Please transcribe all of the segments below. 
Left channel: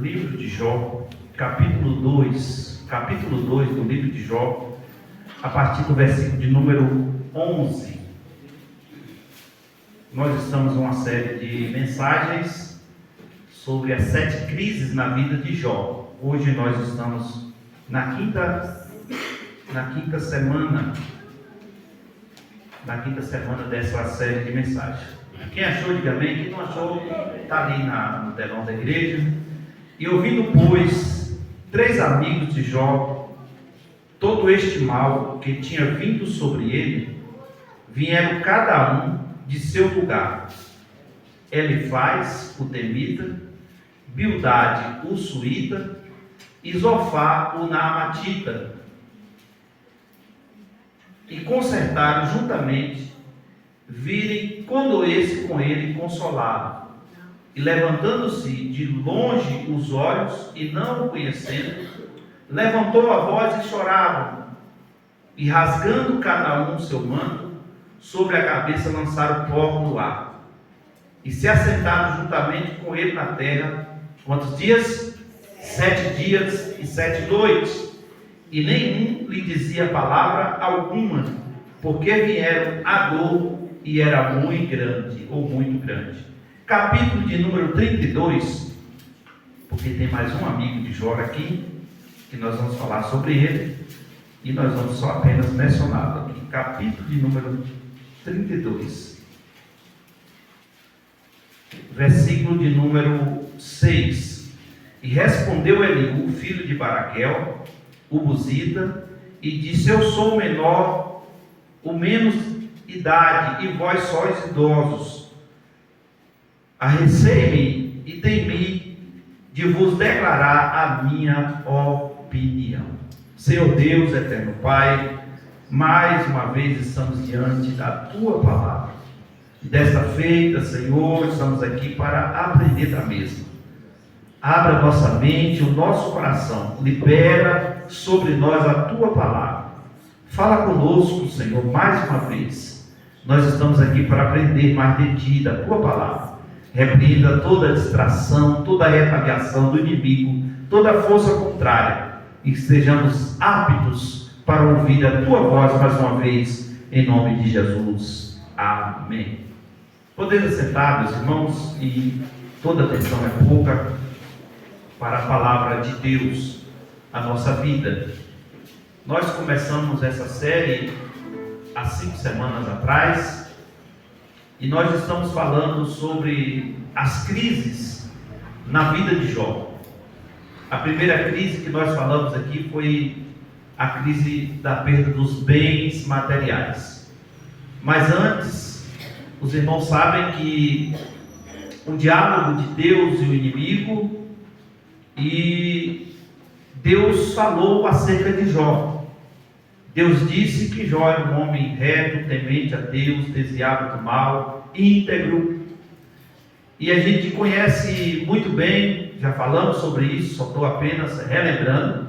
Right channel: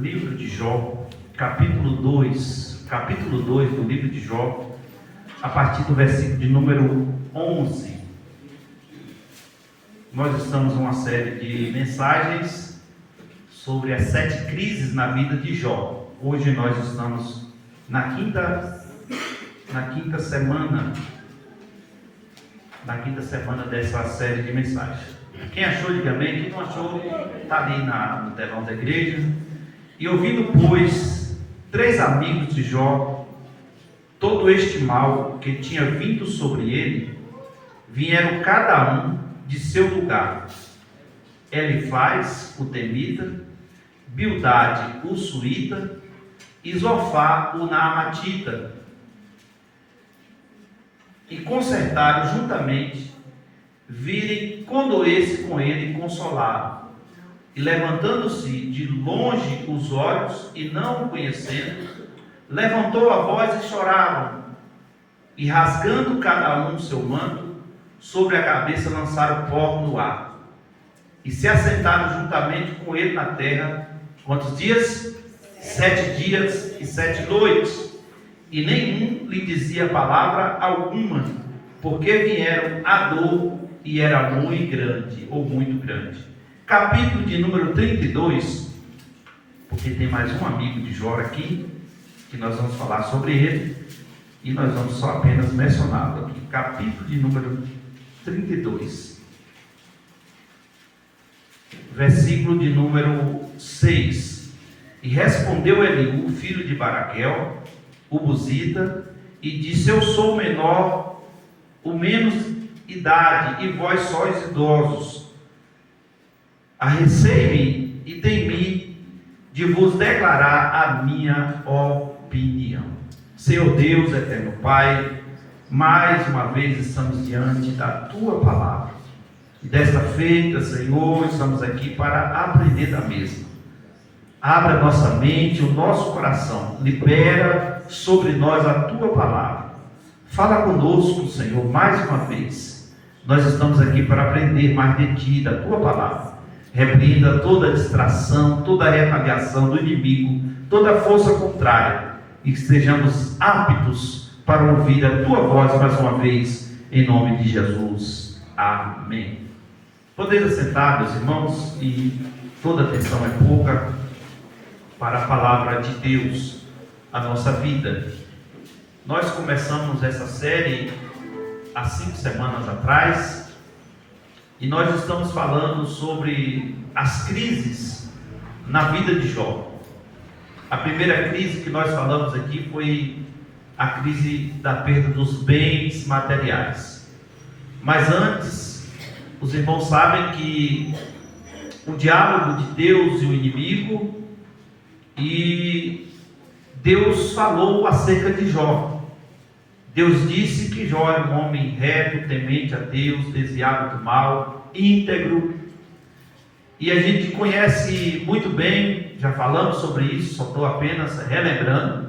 livro de Jó, capítulo 2 do livro de Jó, a partir do versículo de número 11. Nós estamos numa série de mensagens sobre as 7 crises na vida de Jó. Hoje nós estamos na quinta semana dessa série de mensagens. Quem achou, diga amém. Quem não achou, está ali no telão da igreja. E ouvindo, pois, 3 amigos de Jó, todo este mal que tinha vindo sobre ele, vieram cada um de seu lugar. Elifaz, o temita, Bildade, o suíta, e Zofar, o naamatita, e consertaram juntamente, virem condoer-se com ele e consolá-lo. E levantando-se de longe os olhos, e não o conhecendo, levantou a voz e choravam, e rasgando cada um seu manto, sobre a cabeça lançaram pó no ar, e se assentaram juntamente com ele na terra. Quantos dias? 7 dias e 7 noites, e nenhum lhe dizia palavra alguma, porque vieram a dor, e era muito grande, ou muito grande. Capítulo de número 32, porque tem mais um amigo de Jó aqui, que nós vamos falar sobre ele, e nós vamos só apenas mencioná-lo aqui. Capítulo de número 32, versículo de número 6. E respondeu Eliú, filho de Baraquel, o buzita, e disse: eu sou o menor, o menos idade, e vós sois idosos. Arrecei-me e temi de vos declarar a minha opinião. Senhor Deus, eterno Pai, mais uma vez estamos diante da Tua palavra. E desta feita, Senhor, estamos aqui para aprender da mesma. Abra nossa mente, o nosso coração, libera sobre nós a Tua palavra. Fala conosco, Senhor, mais uma vez. Nós estamos aqui para aprender mais de Ti, da Tua palavra. Repreenda toda distração, toda retaliação do inimigo, toda força contrária, e que estejamos aptos para ouvir a Tua voz mais uma vez, em nome de Jesus. Amém. Podemos sentar, meus irmãos, e toda atenção é pouca para a palavra de Deus, a nossa vida. Nós começamos essa série há 5 semanas atrás, e nós estamos falando sobre as crises na vida de Jó. A primeira crise que nós falamos aqui foi a crise da perda dos bens materiais. Mas antes, os irmãos sabem que o diálogo de Deus e o inimigo, e Deus falou acerca de Jó. Deus disse que Jó era um homem reto, temente a Deus, desviado do mal, íntegro. E a gente conhece muito bem, já falamos sobre isso, só estou apenas relembrando,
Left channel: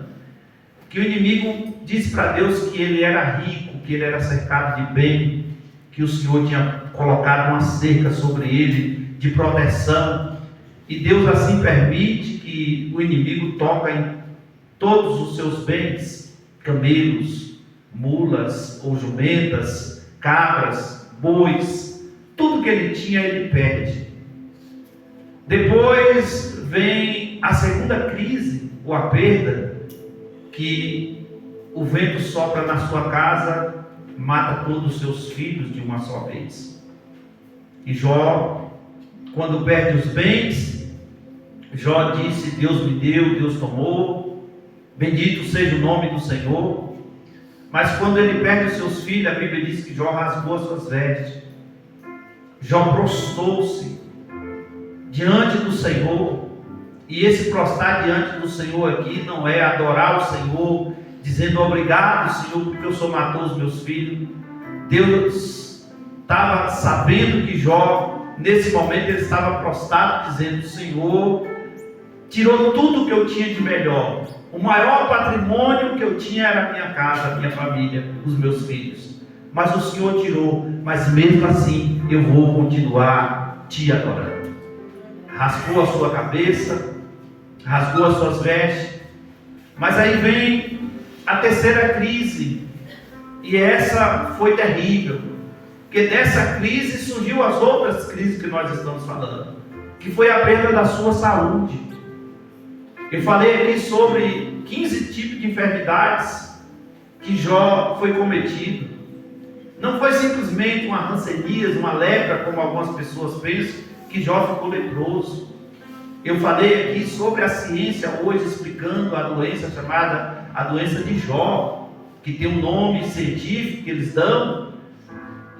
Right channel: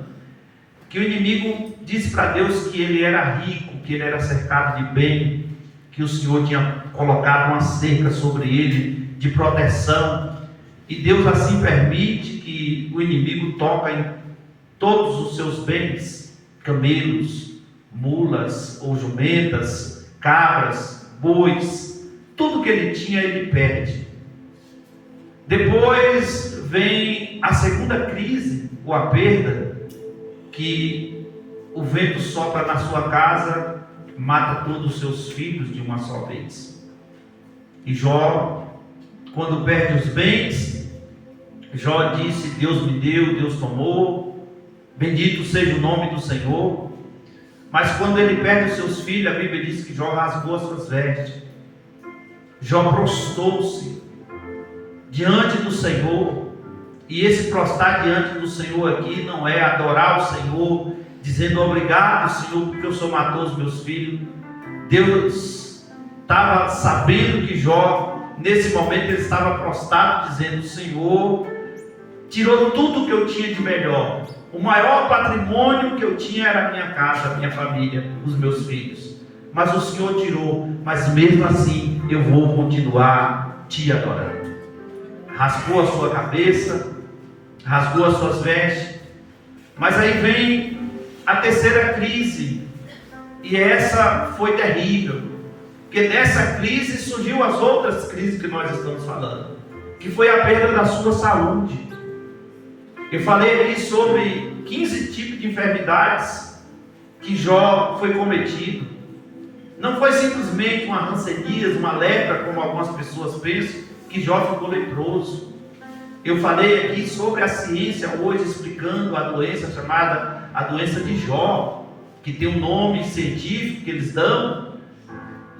que o inimigo disse para Deus que ele era rico, que ele era cercado de bem, que o Senhor tinha colocado uma cerca sobre ele de proteção, e Deus assim permite que o inimigo toque em todos os seus bens, camelos, mulas ou jumentas, cabras, bois, tudo que ele tinha ele perde. Depois vem a segunda crise, ou a perda, que o vento sopra na sua casa, mata todos os seus filhos de uma só vez. E Jó, quando perde os bens, Jó disse: Deus me deu, Deus tomou, bendito seja o nome do Senhor. Mas quando ele perde os seus filhos, a Bíblia diz que Jó rasgou as suas vestes. Jó prostrou-se diante do Senhor. E esse prostrar diante do Senhor aqui não é adorar o Senhor, dizendo obrigado, Senhor, porque o Senhor matou os meus filhos. Deus estava sabendo que Jó, nesse momento, ele estava prostrado, dizendo: Senhor, tirou tudo que eu tinha de melhor. O maior patrimônio que eu tinha era a minha casa, a minha família, os meus filhos. Mas o Senhor tirou, mas mesmo assim eu vou continuar te adorando. Raspou a sua cabeça, rasgou as suas vestes. Mas aí vem a terceira crise, e essa foi terrível, porque dessa crise surgiu as outras crises que nós estamos falando, que foi a perda da sua saúde. Eu falei aqui sobre 15 tipos de enfermidades que Jó foi cometido. Não foi simplesmente uma hanseníase, uma lepra, como algumas pessoas pensam, que Jó ficou leproso. Eu falei aqui sobre a ciência hoje, explicando a doença chamada a doença de Jó, que tem um nome científico que eles dão,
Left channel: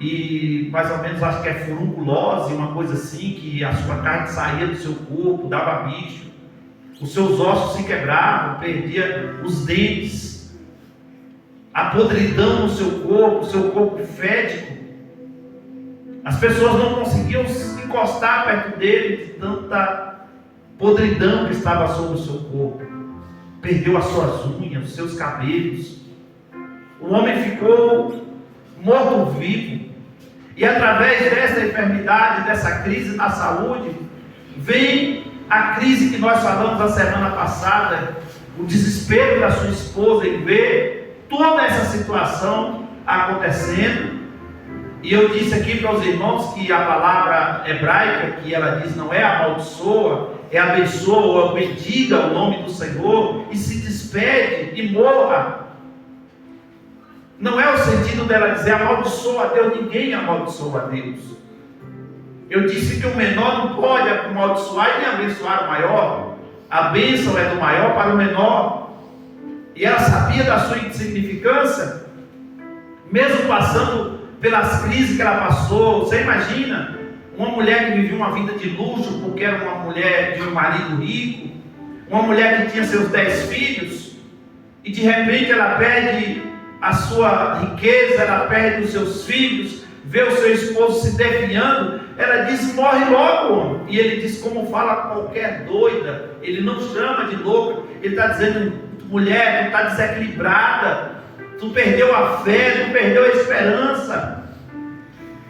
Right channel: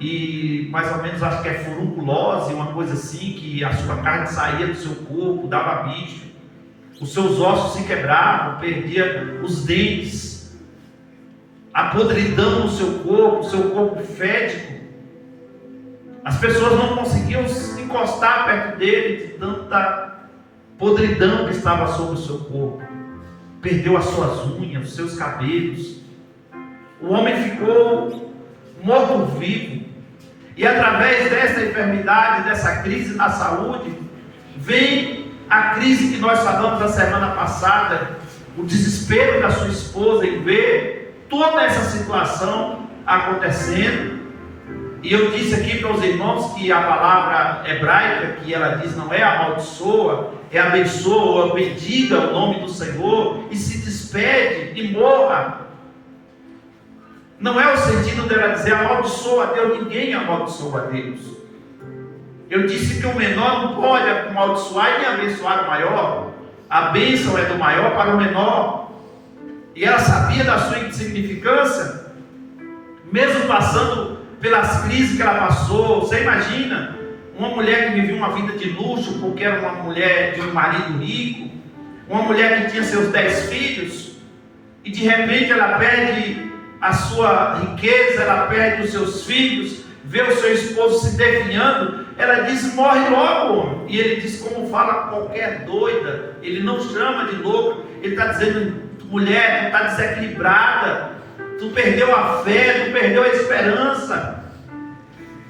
e mais ou menos acho que é furunculose, uma coisa assim, que a sua carne saía do seu corpo, dava bicho, os seus ossos se quebravam, perdia os dentes, a podridão no seu corpo fético. As pessoas não conseguiam se encostar perto dele de tanta podridão que estava sobre o seu corpo. Perdeu as suas unhas, os seus cabelos. O homem ficou morto-vivo. E através dessa enfermidade, dessa crise na saúde, vem a crise que nós falamos a semana passada, o desespero da sua esposa em ver toda essa situação acontecendo. E eu disse aqui para os irmãos que a palavra hebraica que ela diz não é amaldiçoa, é abençoa ou bendiga o nome do Senhor e se despede e morra. Não é o sentido dela dizer amaldiçoa a Deus, ninguém amaldiçoa a Deus. Eu disse que o menor não pode amaldiçoar e nem abençoar o maior. A bênção é do maior para o menor. E ela sabia da sua insignificância, mesmo passando pelas crises que ela passou. Você imagina uma mulher que vivia uma vida de luxo porque era uma mulher de um marido rico, uma mulher que tinha seus 10 filhos, e de repente ela perde a sua riqueza, ela perde os seus filhos, vê o seu esposo se definhando, ela diz: morre logo, homem. E ele diz como fala qualquer doida, ele não chama de louca, ele está dizendo: mulher, tu está desequilibrada, tu perdeu a fé, tu perdeu a esperança.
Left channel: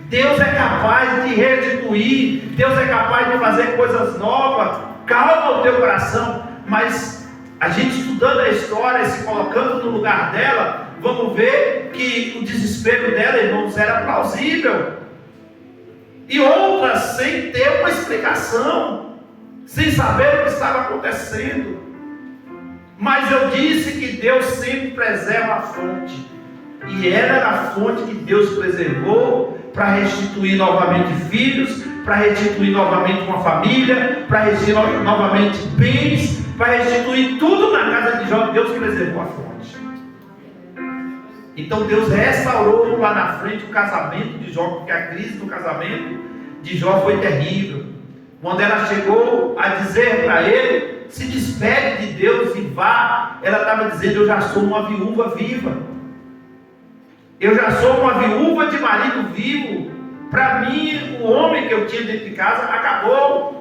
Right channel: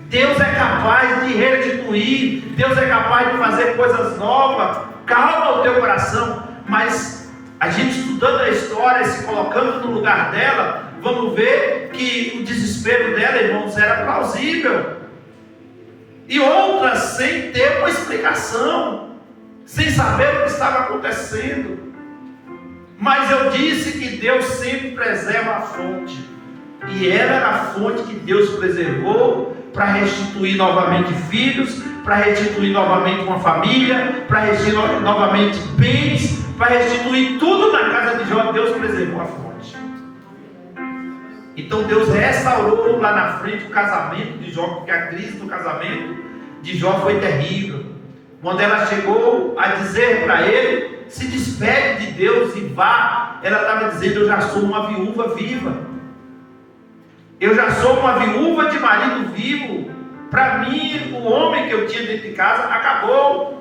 Deus é capaz de restituir, Deus é capaz de fazer coisas novas. Calma o teu coração. Mas a gente estudando a história, se colocando no lugar dela, vamos ver que o desespero dela, irmãos, era plausível. E outras sem ter uma explicação, sem saber o que estava acontecendo. Mas eu disse que Deus sempre preserva a fonte, e era a fonte que Deus preservou para restituir novamente filhos, para restituir novamente uma família, para restituir novamente bens, para restituir tudo na casa de Jó. Deus preservou a fonte. Então Deus restaurou lá na frente o casamento de Jó, porque a crise do casamento de Jó foi terrível. Quando ela chegou a dizer para ele: se despede de Deus e vá, ela estava dizendo: eu já sou uma viúva viva, eu já sou uma viúva de marido vivo. Para mim, o homem que eu tinha dentro de casa acabou.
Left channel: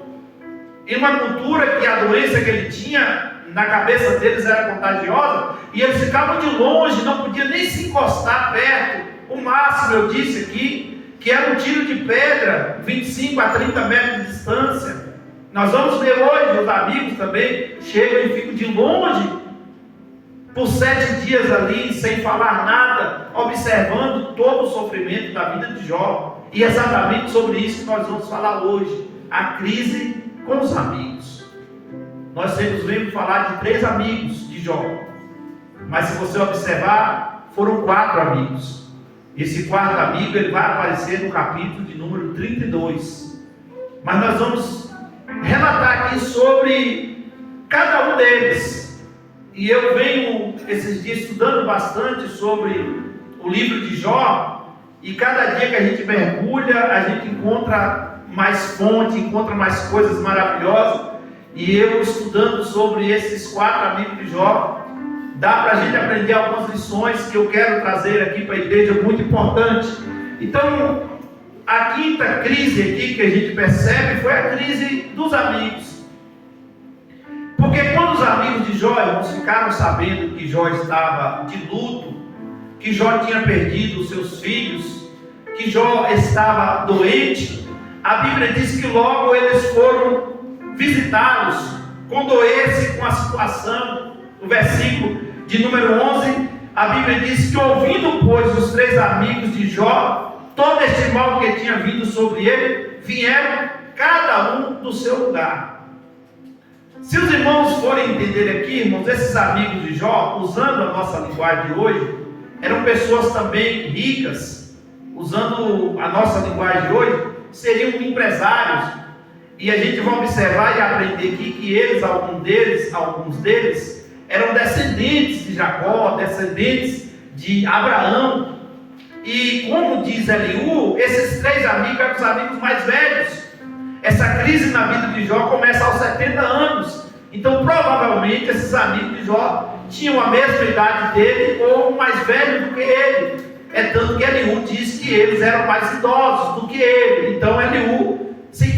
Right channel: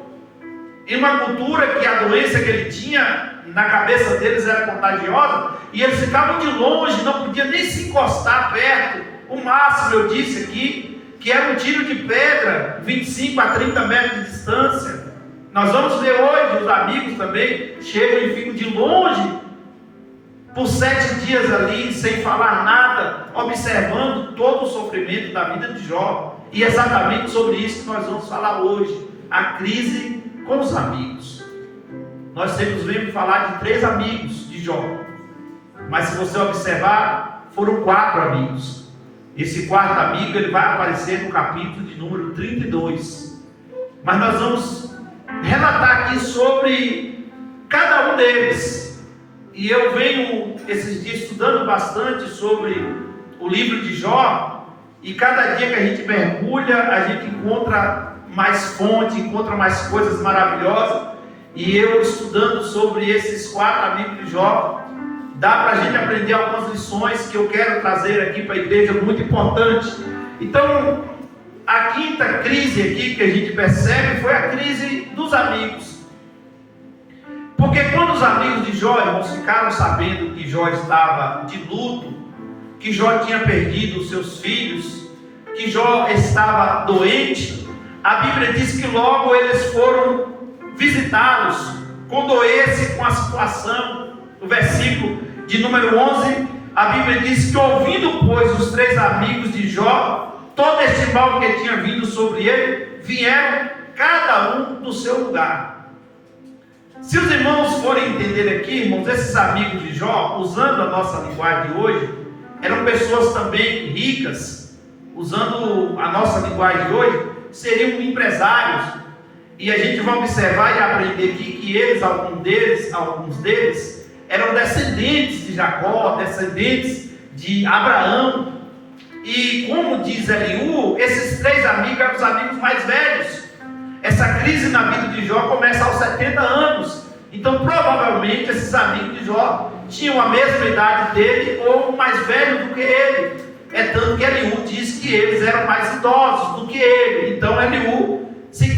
Em uma cultura que a doença que ele tinha na cabeça deles era contagiosa, e eles ficavam de longe, não podiam nem se encostar perto. O máximo, eu disse aqui, que era um tiro de pedra, 25 a 30 metros de distância. Nós vamos ver hoje, os amigos também chegam e ficam de longe, por 7 dias ali, sem falar nada, observando todo o sofrimento da vida de Jó. E exatamente sobre isso que nós vamos falar hoje, a crise com os amigos. Nós temos vindo falar de 3 amigos de Jó, mas se você observar, foram 4 amigos. Esse 4º amigo, ele vai aparecer no capítulo de número 32. Mas nós vamos relatar aqui sobre cada um deles. E eu venho esses dias estudando bastante sobre o livro de Jó, e cada dia que a gente mergulha, a gente encontra mais fonte, encontra mais coisas maravilhosas. E eu estudando sobre esses 4 amigos de Jó, dá para a gente aprender algumas lições que eu quero trazer aqui para a igreja, muito importante. Então, a 5ª crise aqui que a gente percebe foi a crise dos amigos. Porque quando os amigos de Jó, irmãos, ficaram sabendo que Jó estava de luto, que Jó tinha perdido os seus filhos, que Jó estava doente, a Bíblia diz que logo eles foram visitá-los, condoer-se uma situação. O versículo de número 11, a Bíblia diz que ouvindo, pois, os 3 amigos de Jó, todo este mal que tinha vindo sobre ele, vieram cada um do seu lugar. Se os irmãos forem entender aqui, irmãos, esses amigos de Jó, usando a nossa linguagem de hoje, eram pessoas também ricas. Usando a nossa linguagem de hoje, seriam empresários. E a gente vai observar e aprender aqui que eles, alguns deles, eram descendentes de Jacó, descendentes de Abraão. E como diz Eliú, esses 3 amigos eram os amigos mais velhos. Essa crise na vida de Jó começa aos 70 anos. Então provavelmente esses amigos de Jó tinham a mesma idade dele ou mais velho do que ele. É tanto que Eliú diz que eles eram mais idosos do que ele. Então Eliú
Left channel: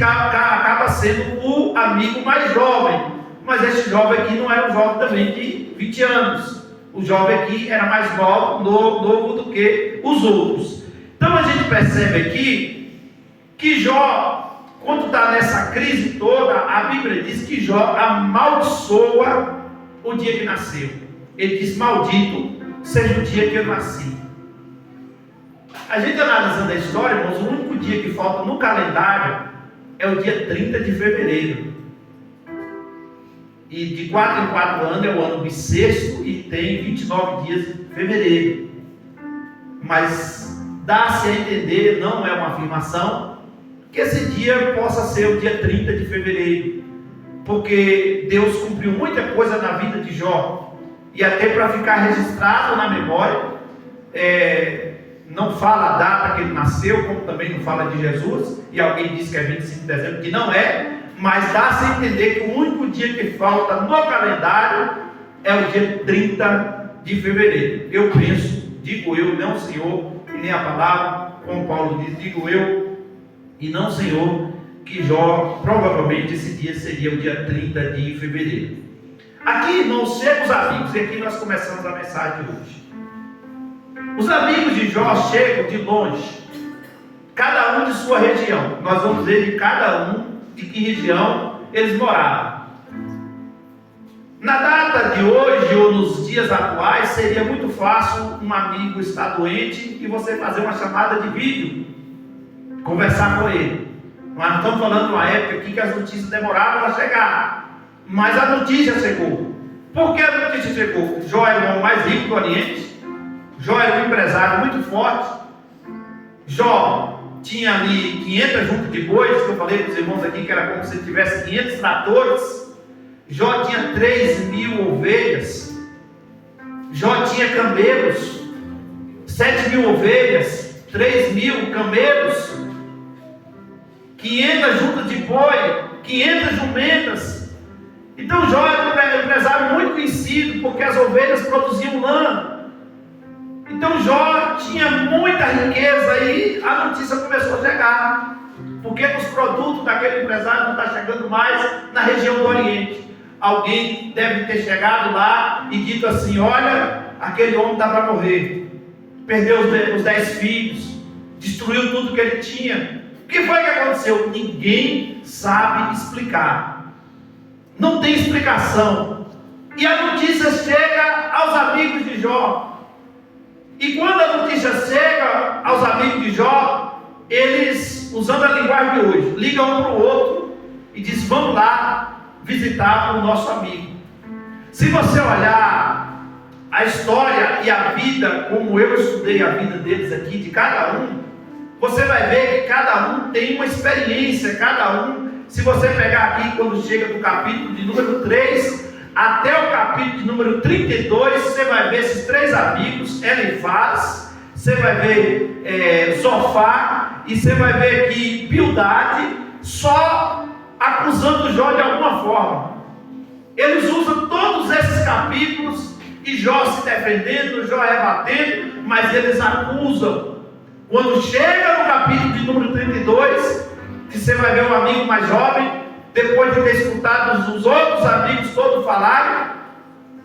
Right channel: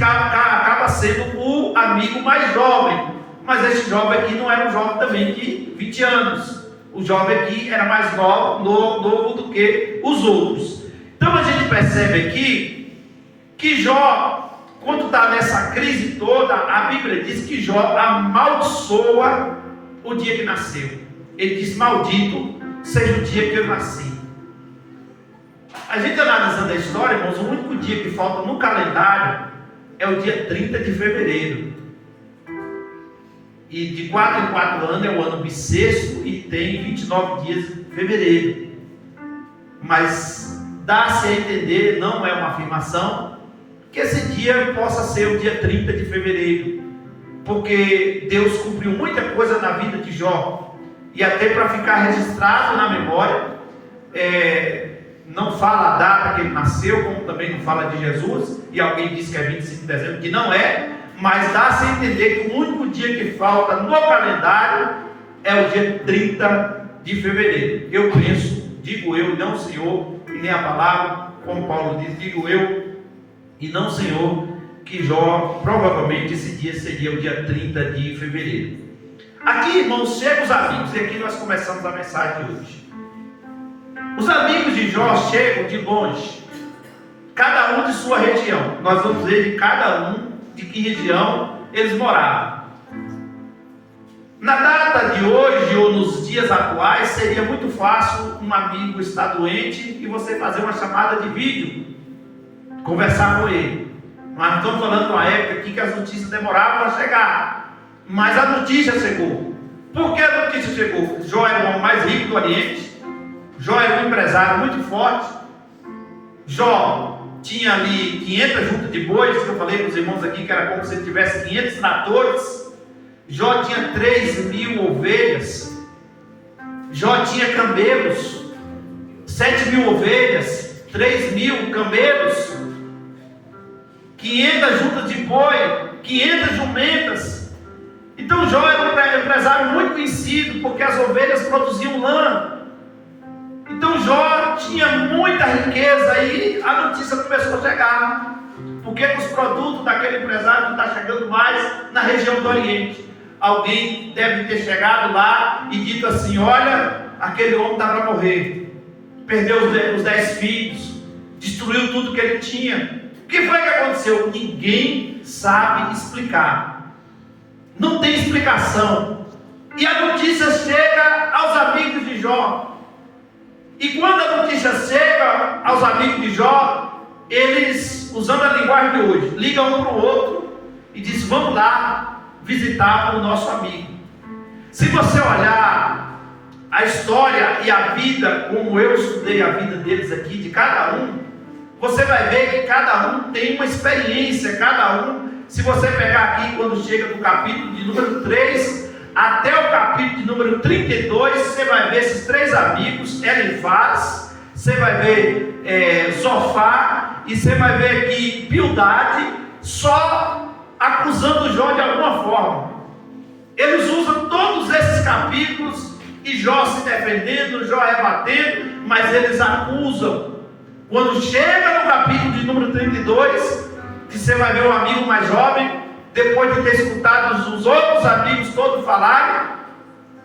acaba sendo o amigo mais jovem. Mas esse jovem aqui não era um jovem também de 20 anos. O jovem aqui era mais novo do que os outros. Então a gente percebe aqui que Jó, quando está nessa crise toda, a Bíblia diz que Jó amaldiçoa o dia que nasceu. Ele diz: maldito seja o dia que eu nasci. A gente analisando a história, irmãos, o único dia que falta no calendário é o dia 30 de fevereiro. E de 4 em 4 anos é o ano bissexto e tem 29 dias de fevereiro. Mas dá-se a entender, não é uma afirmação, que esse dia possa ser o dia 30 de fevereiro. Porque Deus cumpriu muita coisa na vida de Jó. E até para ficar registrado na memória, não fala a data que ele nasceu, como também não fala de Jesus. E alguém disse que é 25 de dezembro, que não é. Mas dá-se a entender que o único dia que falta no calendário é o dia 30 de fevereiro. Eu penso, digo eu, não o Senhor, e nem a palavra, como Paulo diz, digo eu, e não o Senhor, que Jó, provavelmente esse dia seria o dia 30 de fevereiro. Aqui, irmãos, chegam os amigos, e aqui nós começamos a mensagem de hoje. Os amigos de Jó chegam de longe, cada um de sua região. Nós vamos ver de cada um de que região eles moravam. Na data de hoje ou nos dias atuais seria muito fácil um amigo estar doente e você fazer uma chamada de vídeo, conversar com ele. Mas não estamos falando de uma época aqui que as notícias demoravam a chegar, mas a notícia chegou. Por que a notícia chegou? Jó era o homem mais rico do Oriente, Jó era um empresário muito forte, Jó tinha ali 500 juntas de bois, que eu falei para os irmãos aqui que era como se ele tivesse 500 tratores. Jó tinha 3.000 ovelhas. Jó tinha camelos, 7.000 ovelhas, 3.000 camelos, 500 juntas de boi, 500 jumentas. Então Jó era um empresário muito conhecido, porque as ovelhas produziam lã. Então Jó tinha muita riqueza e a notícia começou a chegar, porque os produtos daquele empresário não estão chegando mais na região do Oriente. Alguém deve ter chegado lá e dito assim: olha, aquele homem está para morrer, perdeu os 10 filhos, destruiu tudo que ele tinha. O que foi que aconteceu? Ninguém sabe explicar, não tem explicação. E a notícia chega aos amigos de Jó. E quando a notícia chega aos amigos de Jó, eles, usando a linguagem de hoje, ligam um para o outro e dizem: vamos lá visitar o nosso amigo. Se você olhar a história e a vida, como eu estudei a vida deles aqui, de cada um, você vai ver que cada um tem uma experiência, cada um, se você pegar aqui quando chega do capítulo de número 3, até o capítulo de número 32, você vai ver esses 3 amigos, Elifaz, você vai ver Zofar, e você vai ver aqui Bildade, só acusando Jó de alguma forma. Eles usam todos esses capítulos, e Jó se defendendo, Jó rebatendo, mas eles acusam. Quando chega no capítulo de número 32, que você vai ver o amigo mais jovem, depois de ter escutado os outros amigos todos falarem,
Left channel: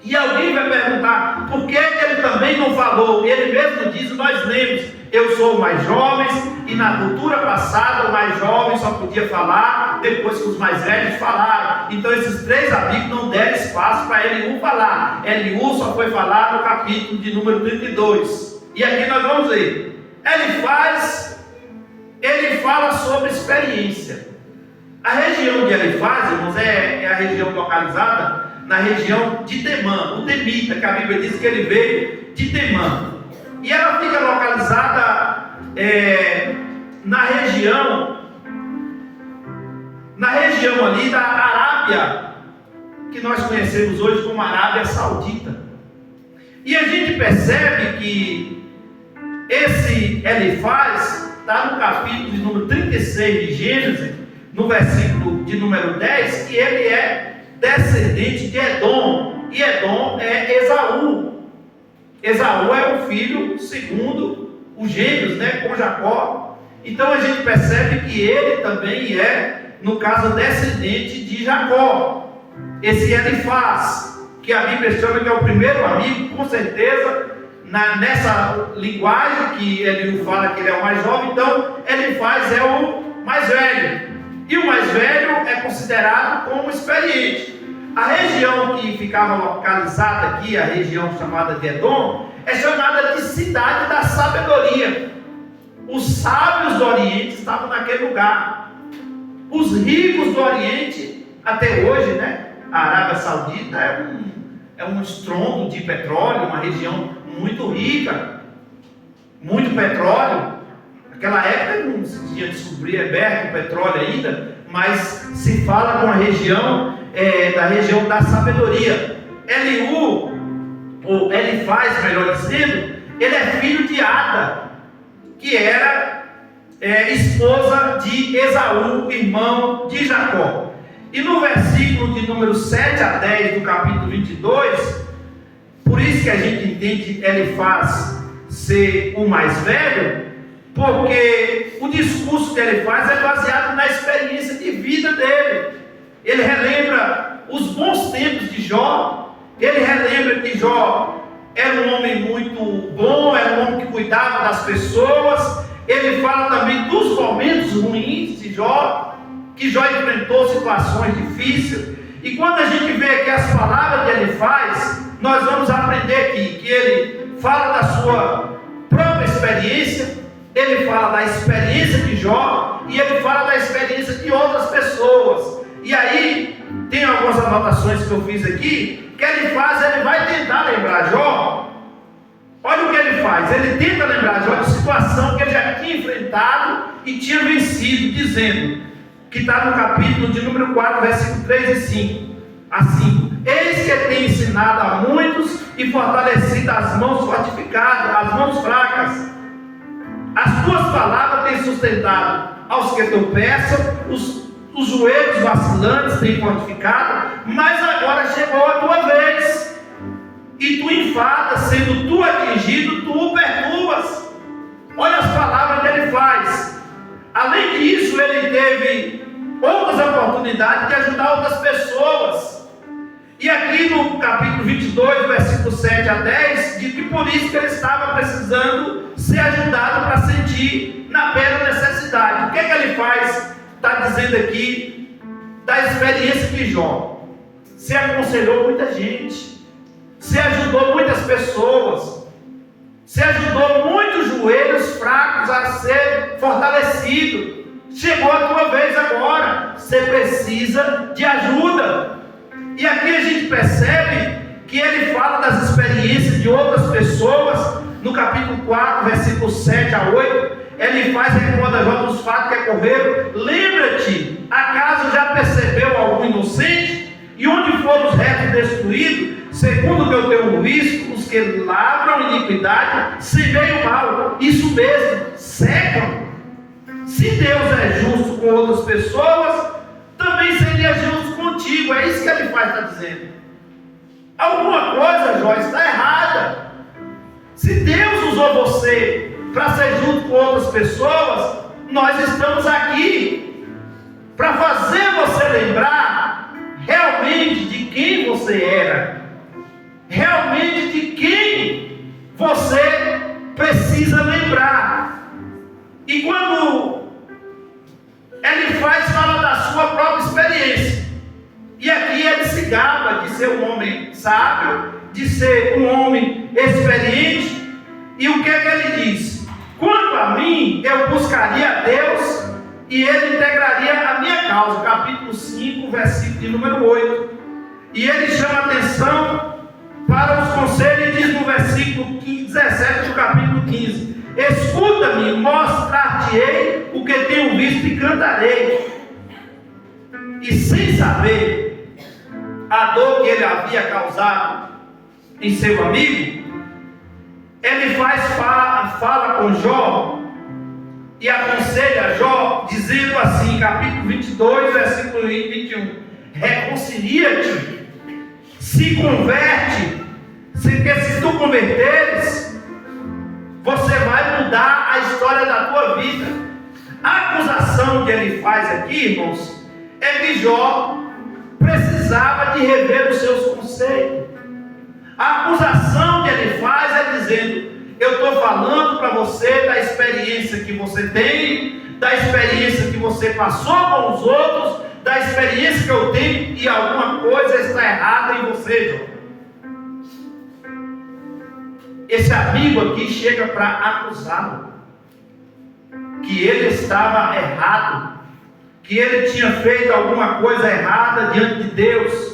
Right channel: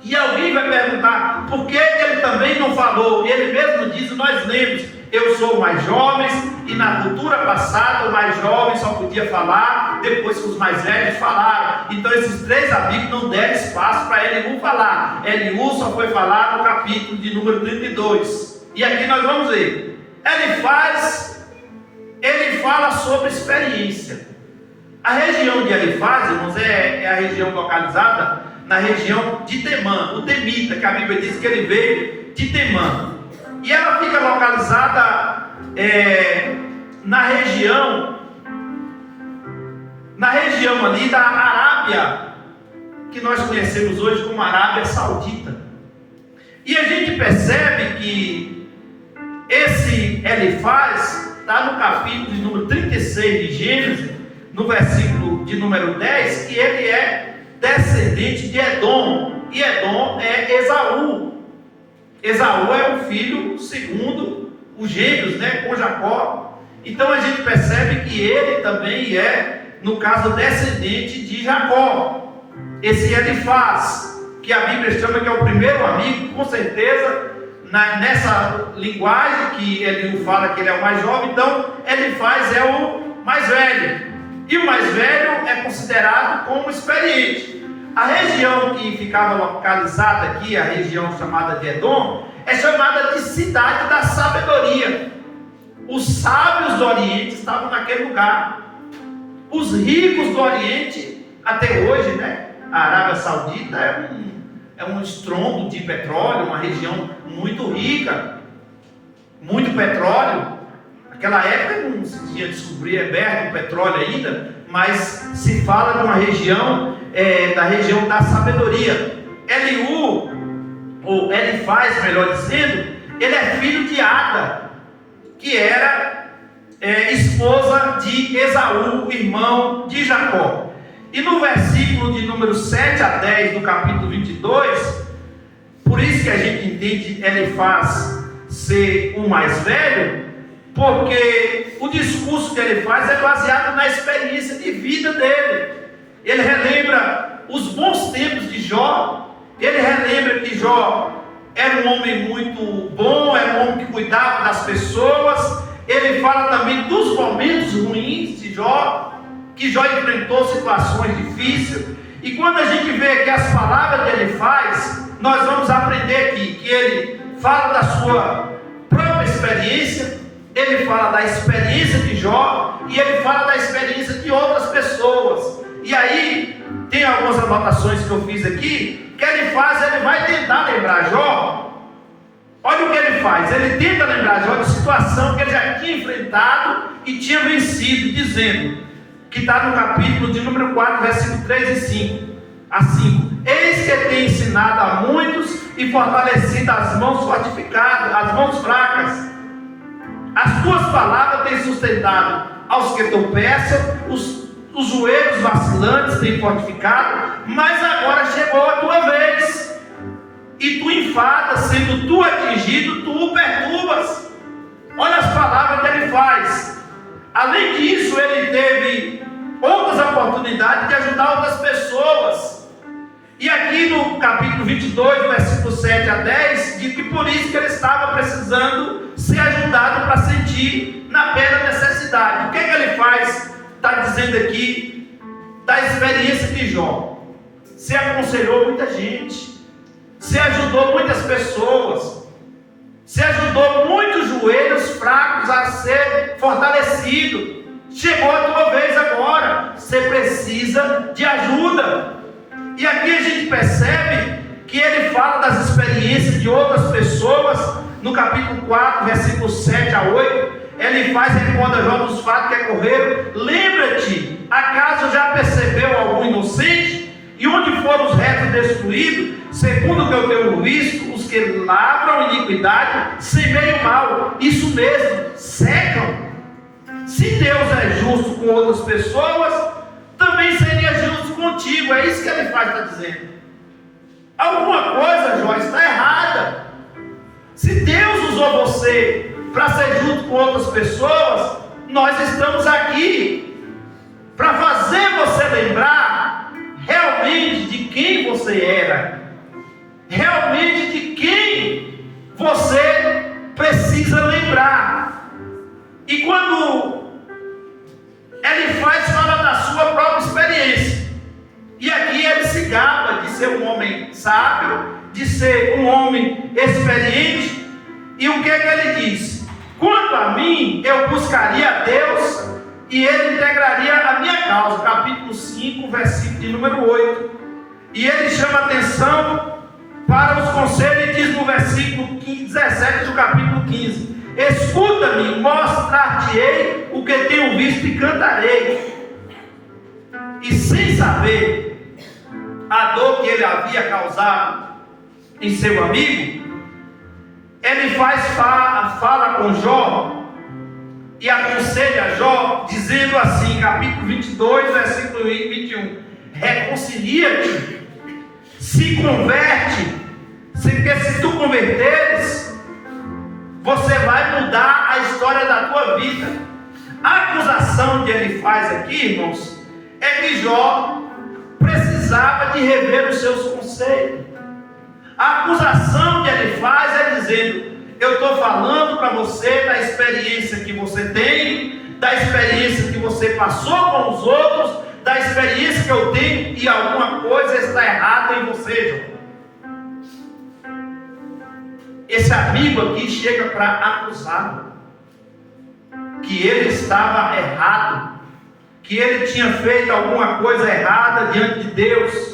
e alguém vai perguntar: por que ele também não falou? Ele mesmo diz, nós lemos, eu sou o mais jovem, e na cultura passada o mais jovem só podia falar depois que os mais velhos falaram. Então esses 3 amigos não deram espaço para Eliú falar. Eliú só foi falar no capítulo de número 32. E aqui nós vamos ler. Ele fala sobre experiência. A região de Elifaz, irmãos, é a região localizada na região de Temã, o Temita, que a Bíblia diz que ele veio de Temã. E ela fica localizada na região ali da Arábia, que nós conhecemos hoje como Arábia Saudita. E a gente percebe que esse Elifaz está no capítulo de número 36 de Gênesis, no versículo de número 10, que ele é descendente de Edom, e Edom é Esaú. Esaú é o filho segundo os gêmeos, com Jacó. Então a gente percebe que ele também é, no caso, descendente de Jacó. Esse Elifaz, que a Bíblia chama que é o primeiro amigo, com certeza, nessa linguagem que ele fala que ele é o mais jovem, então Elifaz é o mais velho. E o mais velho é considerado como experiente. A região que ficava localizada aqui, a região chamada de Edom, é chamada de cidade da sabedoria. Os sábios do Oriente estavam naquele lugar. Os ricos do Oriente, até hoje, a Arábia Saudita é um estrondo de petróleo, uma região muito rica, muito petróleo. Naquela época não se tinha descoberto o petróleo ainda, mas se fala de uma região, da região da sabedoria. Eliú, ou Elifaz, melhor dizendo, ele é filho de Ada, que era esposa de Esaú, irmão de Jacó. E no versículo de número 7 a 10 do capítulo 22, por isso que a gente entende Elifaz ser o mais velho, porque o discurso que ele faz é baseado na experiência de vida dele. Ele relembra os bons tempos de Jó. Ele relembra que Jó era um homem muito bom, era um homem que cuidava das pessoas. Ele fala também dos momentos ruins de Jó, que Jó enfrentou situações difíceis. E quando a gente vê aqui as palavras que ele faz, nós vamos aprender aqui que ele fala da sua própria experiência. Ele fala da experiência de Jó e ele fala da experiência de outras pessoas. E aí, tem algumas anotações que eu fiz aqui, que ele vai tentar lembrar Jó. Olha o que ele faz, ele tenta lembrar Jó de situação que ele já tinha enfrentado e tinha vencido, dizendo, que está no capítulo de número 4, versículo 3 e 5. Assim, eis que tem ensinado a muitos e fortalecido as mãos fortificadas, as mãos fracas. As tuas palavras têm sustentado aos que tropeçam, os joelhos vacilantes têm fortificado, mas agora chegou a tua vez, e tu enfadas, sendo tu atingido, tu o perturbas. Olha as palavras que ele faz. Além disso, ele teve outras oportunidades de ajudar outras pessoas. E aqui no capítulo 22, versículo 7 a 10, diz que por isso que ele estava precisando ser ajudado para sentir na plena necessidade. O que ele faz? Está dizendo aqui da experiência de Jó. Se aconselhou muita gente, se ajudou muitas pessoas, se ajudou muitos joelhos fracos a ser fortalecido. Chegou a tua vez agora, você precisa de ajuda. E aqui a gente percebe que ele fala das experiências de outras pessoas. No capítulo 4, versículo 7 a 8, ele faz recorda Jó dos fatos que ocorreram. Lembra-te, acaso já percebeu algum inocente? E onde foram os retos destruídos? Segundo o que eu tenho visto, os que lavram iniquidade semeiam mal. Isso mesmo, secam. Se Deus é justo com outras pessoas, também seria justo contigo. É isso que ele faz, está dizendo. Alguma coisa, Jó, está errada. Se Deus usou você para ser junto com outras pessoas, nós estamos aqui para fazer você lembrar realmente de quem você era, realmente de quem você precisa lembrar. E quando Elifaz fala da sua própria experiência, e aqui ele se gaba de ser um homem sábio, de ser um homem experiente, e o que é que ele diz? Quanto a mim, eu buscaria a Deus e Ele integraria a minha causa. Capítulo 5, versículo de número 8. E ele chama atenção para os conselhos e diz no versículo 17 do capítulo 15: escuta-me, mostrar-te-ei o que tenho visto e cantarei. E sem saber a dor que ele havia causado em seu amigo, ele fala com Jó e aconselha Jó, dizendo assim, capítulo 22, versículo 21: reconcilia-te, se converte, porque se tu converteres, você vai mudar a história da tua vida. A acusação que ele faz aqui, irmãos, é que Jó precisava de rever os seus conceitos. A acusação que ele faz é dizendo: eu estou falando para você da experiência que você tem, da experiência que você passou com os outros, da experiência que eu tenho, e alguma coisa está errada em você, Jó. Esse amigo aqui chega para acusá-lo, que ele estava errado, que ele tinha feito alguma coisa errada diante de Deus.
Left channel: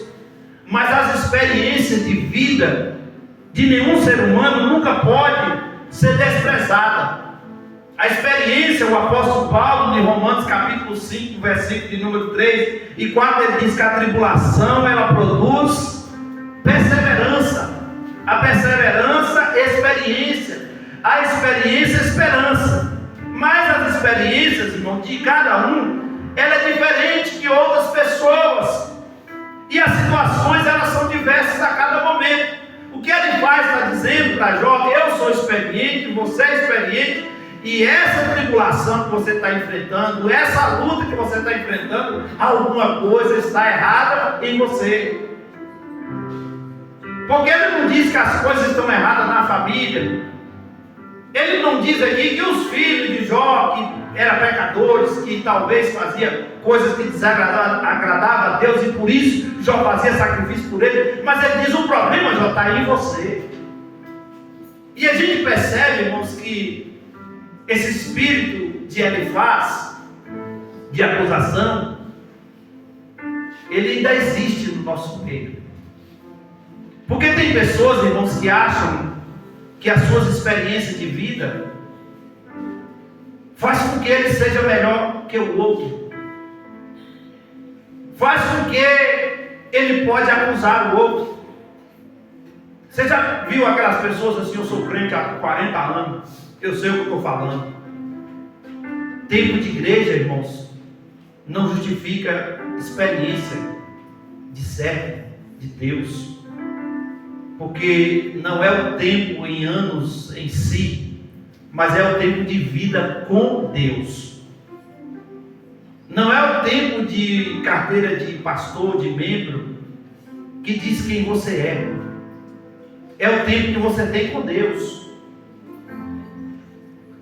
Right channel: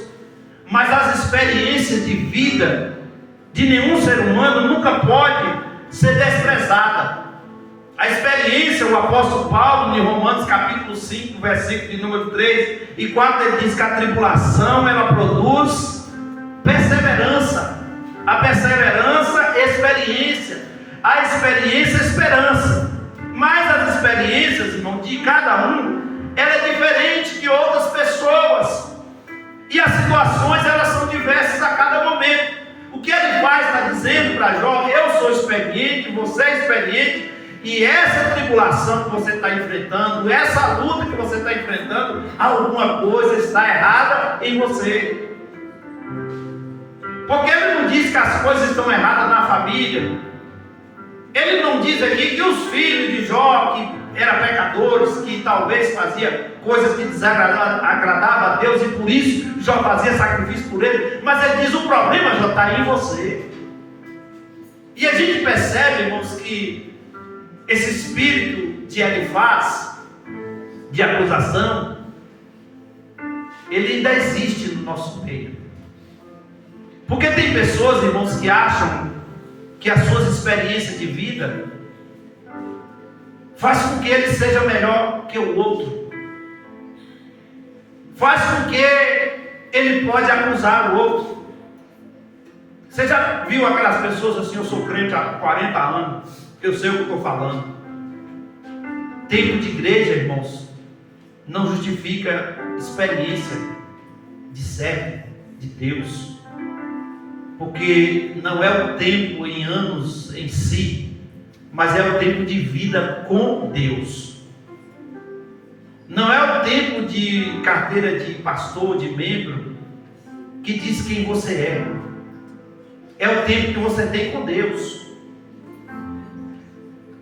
Mas as experiências de vida de nenhum ser humano nunca pode ser desprezada. A experiência, o apóstolo Paulo, em Romanos capítulo 5, versículo de número 3 e 4, ele diz que a tribulação, ela produz perseverança. A perseverança, experiência. A experiência, esperança. Mas as experiências, irmão, de cada um, ela é diferente de outras pessoas. E as situações, elas são diversas a cada momento. O que ele faz está dizendo para Jó: eu sou experiente, você é experiente, e essa tribulação que você está enfrentando, essa luta que você está enfrentando, alguma coisa está errada em você. Porque ele não diz que as coisas estão erradas na família. Ele não diz aqui que os filhos de Jó, que eram pecadores, que talvez faziam coisas que desagradavam a Deus, e por isso Jó fazia sacrifício por ele. Mas ele diz: o problema, Jó, está em você. E a gente percebe, irmãos, que esse espírito de Elifaz, de acusação, ele ainda existe no nosso meio. Porque tem pessoas, irmãos, que acham que as suas experiências de vida faz com que ele seja melhor que o outro, faz com que ele pode acusar o outro. Você já viu aquelas pessoas assim: eu sou crente há 40 anos, eu sei o que estou falando. Tempo de igreja, irmãos, não justifica experiência de servo de Deus. Porque não é o tempo em anos em si, mas é o tempo de vida com Deus. Não é o tempo de carteira de pastor, de membro, que diz quem você é. É o tempo que você tem com Deus.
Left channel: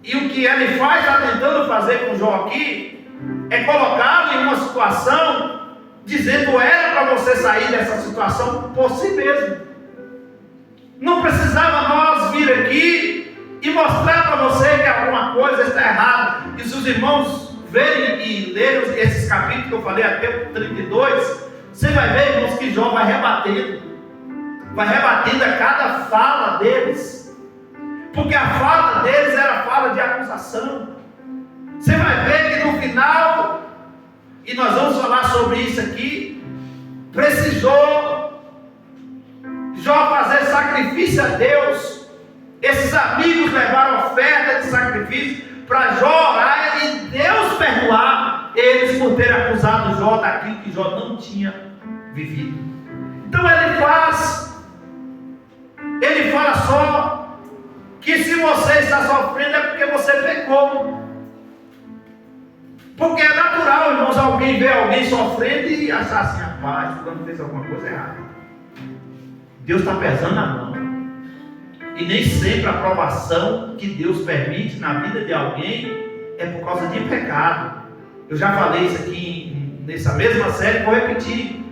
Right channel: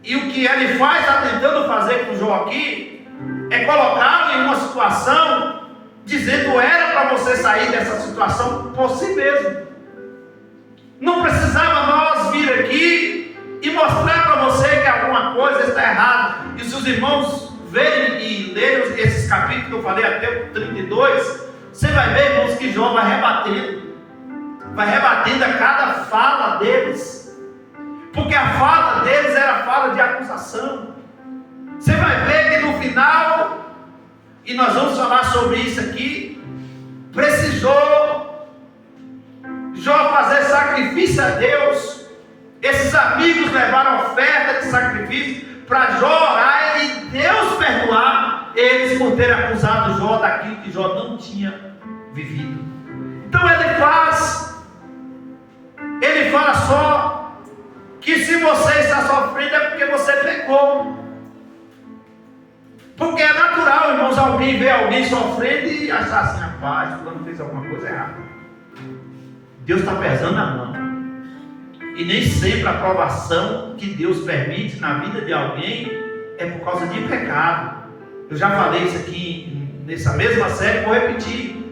E o que ele faz, está tentando fazer com Jó aqui, é colocá-lo em uma situação, dizendo: era para você sair dessa situação por si mesmo. Não precisava nós vir aqui e mostrar para você que alguma coisa está errada. E se os irmãos verem e lerem esses capítulos que eu falei até o 32, você vai ver, irmãos, que Jó vai rebatendo a cada fala deles, porque a fala deles era fala de acusação. Você vai ver que no final, e nós vamos falar sobre isso aqui, precisou Jó fazer sacrifício a Deus. Esses amigos levaram oferta de sacrifício para Jó orar e Deus perdoar eles por terem acusado Jó daquilo que Jó não tinha vivido. Então ele fala só que se você está sofrendo é porque você pecou. Porque é natural, irmãos, alguém ver alguém sofrendo e achar assim: rapaz, quando fez alguma coisa errada. Deus está pesando a mão. E nem sempre a provação que Deus permite na vida de alguém é por causa de pecado. Eu já falei isso aqui nessa mesma série, vou repetir.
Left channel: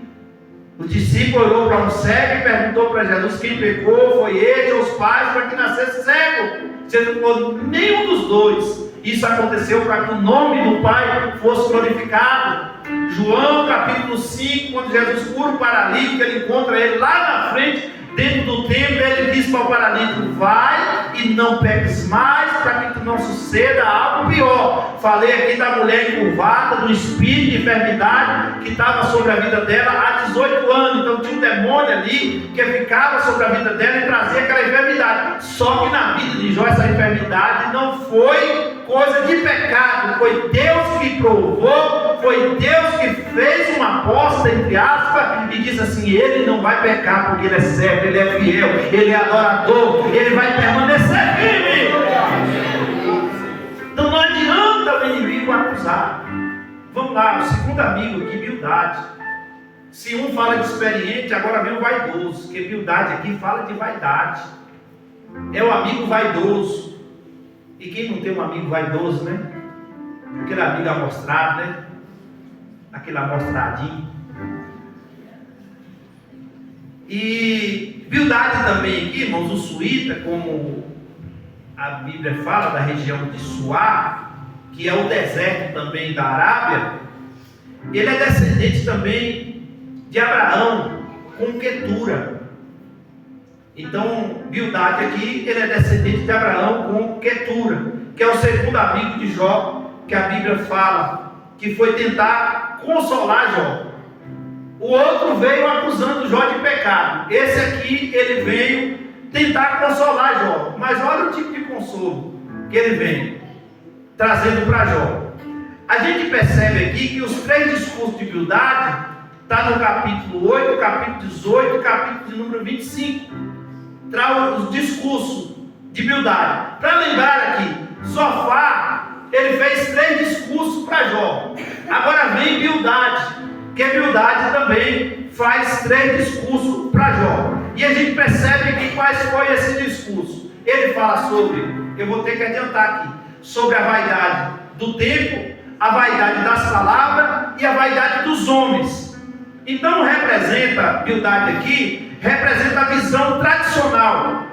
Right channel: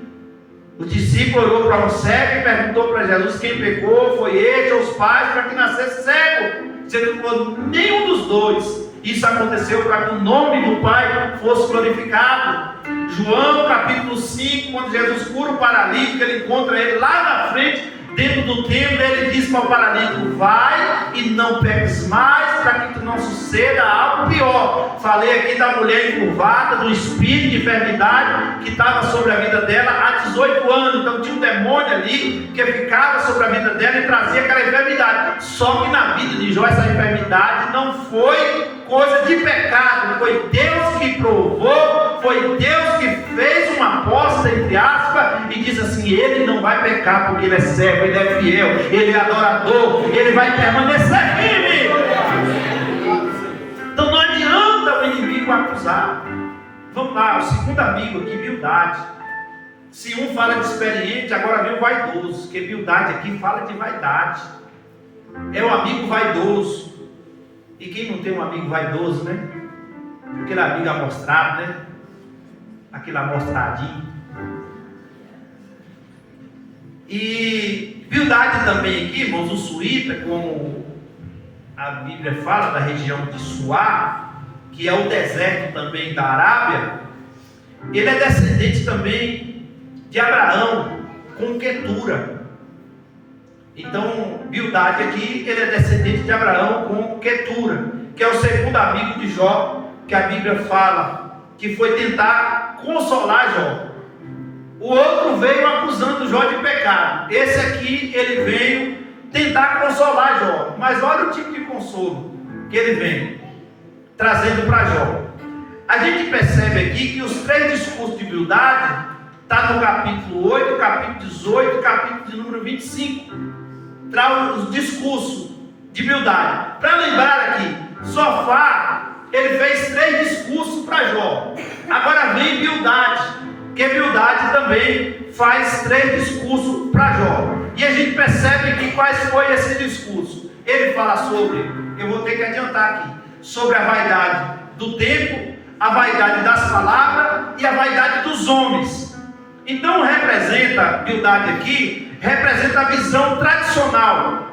O discípulo olhou para um cego e perguntou para Jesus: quem pecou? Foi ele ou os pais para que nascesse cego? Jesus falou: nenhum dos dois. Isso aconteceu para que o nome do Pai fosse glorificado. João capítulo 5, quando Jesus cura o paralítico, ele encontra ele lá na frente, dentro do templo, ele diz para o paralítico: vai e não peques mais, para que não suceda algo pior. Falei aqui da mulher encurvada, do espírito de enfermidade que estava sobre a vida dela há 18 anos. Então tinha um demônio ali que ficava sobre a vida dela e trazia aquela enfermidade. Só que na vida de Jó essa enfermidade não foi coisa de pecado, foi Deus que provou, foi Deus que fez uma aposta, entre aspas, e diz assim: ele não vai pecar porque ele é servo, ele é fiel, ele é adorador, ele vai permanecer firme. Então não adianta o inimigo acusar. Vamos lá, o segundo amigo aqui, Bildade. Se um fala de experiente, agora vem o vaidoso, porque Bildade aqui fala de vaidade. É o amigo vaidoso. E quem não tem um amigo vaidoso, né? Aquele amigo amostrado, né? Aquele amostradinho. E Bildade também aqui, irmãos, o suíta, como a Bíblia fala, da região de Suá, que é o deserto também da Arábia, ele é descendente também de Abraão, com Quetura. Então, Bildade aqui, ele é descendente de Abraão com Quetura, que é o segundo amigo de Jó, que a Bíblia fala, que foi tentar consolar Jó. O outro veio acusando Jó de pecado. Esse aqui, ele veio tentar consolar Jó. Mas olha o tipo de consolo que ele vem trazendo para Jó. A gente percebe aqui que os três discursos de Bildade está no capítulo 8, capítulo 18, capítulo de número 25. Traz os discursos de Bildade. Para lembrar aqui, Zofar, ele fez 3 discursos para Jó. Agora vem Bildade, que Bildade também faz 3 discursos para Jó. E a gente percebe aqui quais foi esse discurso. Ele fala sobre, eu vou ter que adiantar aqui, sobre a vaidade do tempo, a vaidade das palavras e a vaidade dos homens. Então representa, Bildade aqui, representa a visão tradicional,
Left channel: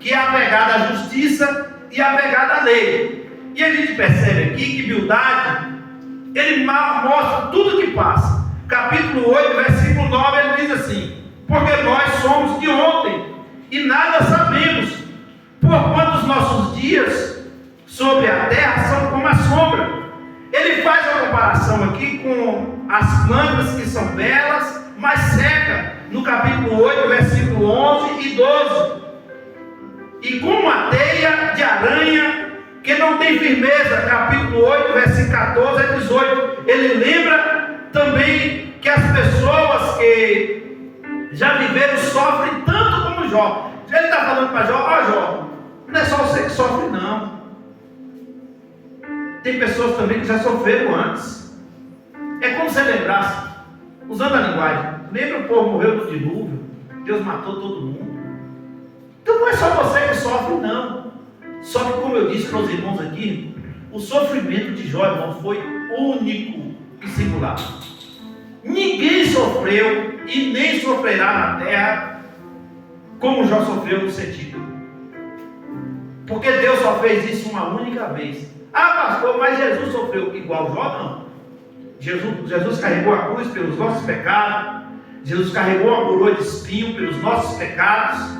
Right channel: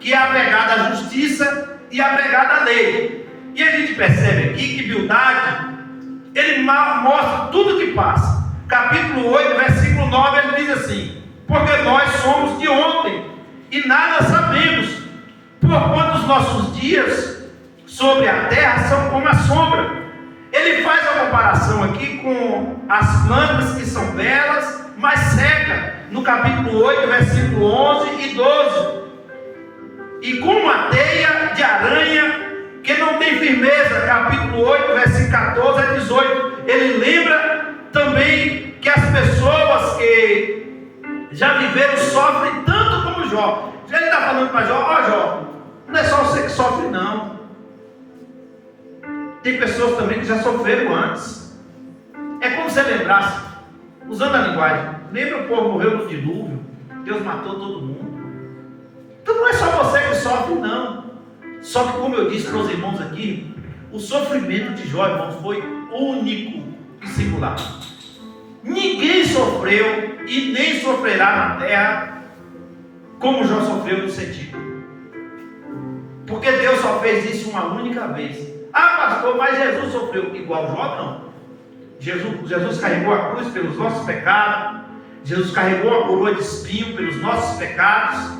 que é apegada à justiça e apegada à lei. E a gente percebe aqui que Bildade, ele mostra tudo que passa. Capítulo 8, versículo 9, ele diz assim: porque nós somos de ontem e nada sabemos, porquanto os nossos dias sobre a terra são como a sombra. Ele faz a comparação aqui com as plantas que são belas, mas secas, no capítulo 8, versículo 11 e 12. E com uma teia de aranha que não tem firmeza, capítulo 8, versículo 14 a 18. Ele lembra também que as pessoas que já viveram sofrem tanto como Jó. Ele está falando para Jó: ó Jó, não é só você que sofre não. Tem pessoas também que já sofreram antes. É como se lembrasse, usando a linguagem, lembra o povo morreu no dilúvio, Deus matou todo mundo. Então não é só você que sofre não. Só que, como eu disse para os irmãos aqui, o sofrimento de Jó, irmãos, foi único e singular. Ninguém sofreu e nem sofrerá na terra como Jó sofreu no sentido. Porque Deus só fez isso uma única vez. Ah, pastor, mas Jesus sofreu igual Jó? Não. Jesus carregou a cruz pelos nossos pecados. Jesus carregou a coroa de espinho pelos nossos pecados.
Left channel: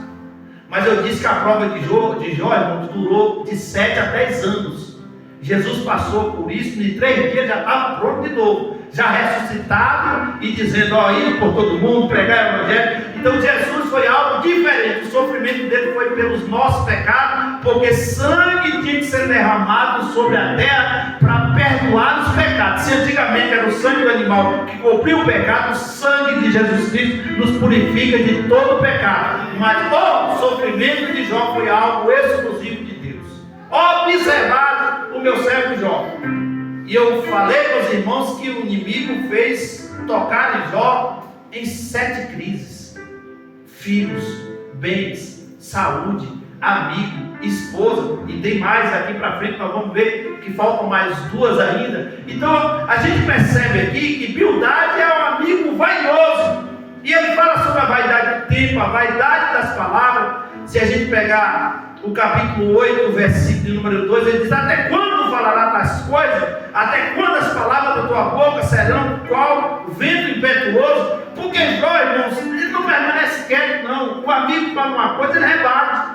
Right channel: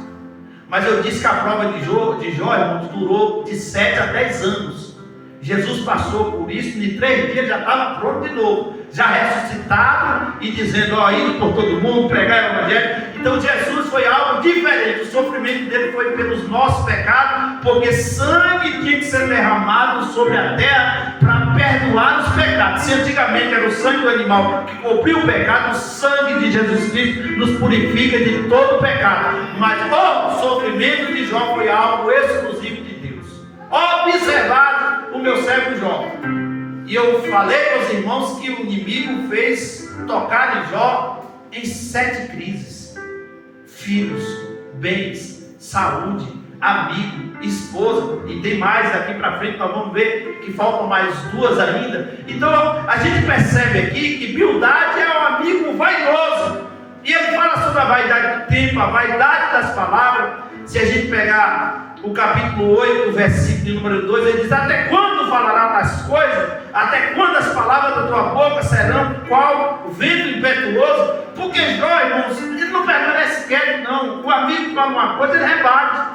Mas eu disse que a prova de Jó, irmãos, durou de 7 a 10 anos. Jesus passou por isso, em 3 dias já estava pronto de novo, já ressuscitado e dizendo: ó, indo por todo mundo, pregar o evangelho. Então Jesus foi algo diferente. O sofrimento dele foi pelos nossos pecados, porque sangue tinha que ser derramado sobre a terra para perdoar os pecados. Se antigamente era o sangue do animal que cobriu o pecado, o sangue de Jesus Cristo nos purifica de todo o pecado. Mas o sofrimento de Jó foi algo exclusivo de Deus. Observado o meu servo Jó. E eu falei para os irmãos que o inimigo fez tocar em Jó em 7 crises: filhos, bens, saúde, amigo, esposa, e tem mais daqui para frente, nós vamos ver que faltam mais duas ainda. Então a gente percebe aqui que Bildade é um amigo vaidoso, e ele fala sobre a vaidade do tempo, a vaidade das palavras. Se a gente pegar o capítulo 8, versículo número 2, ele diz: até quando falará das coisas? Até quando as palavras da tua boca serão qual vento impetuoso? Porque Jó, irmãos, ele não permanece quieto, não. O amigo fala uma coisa, ele rebate.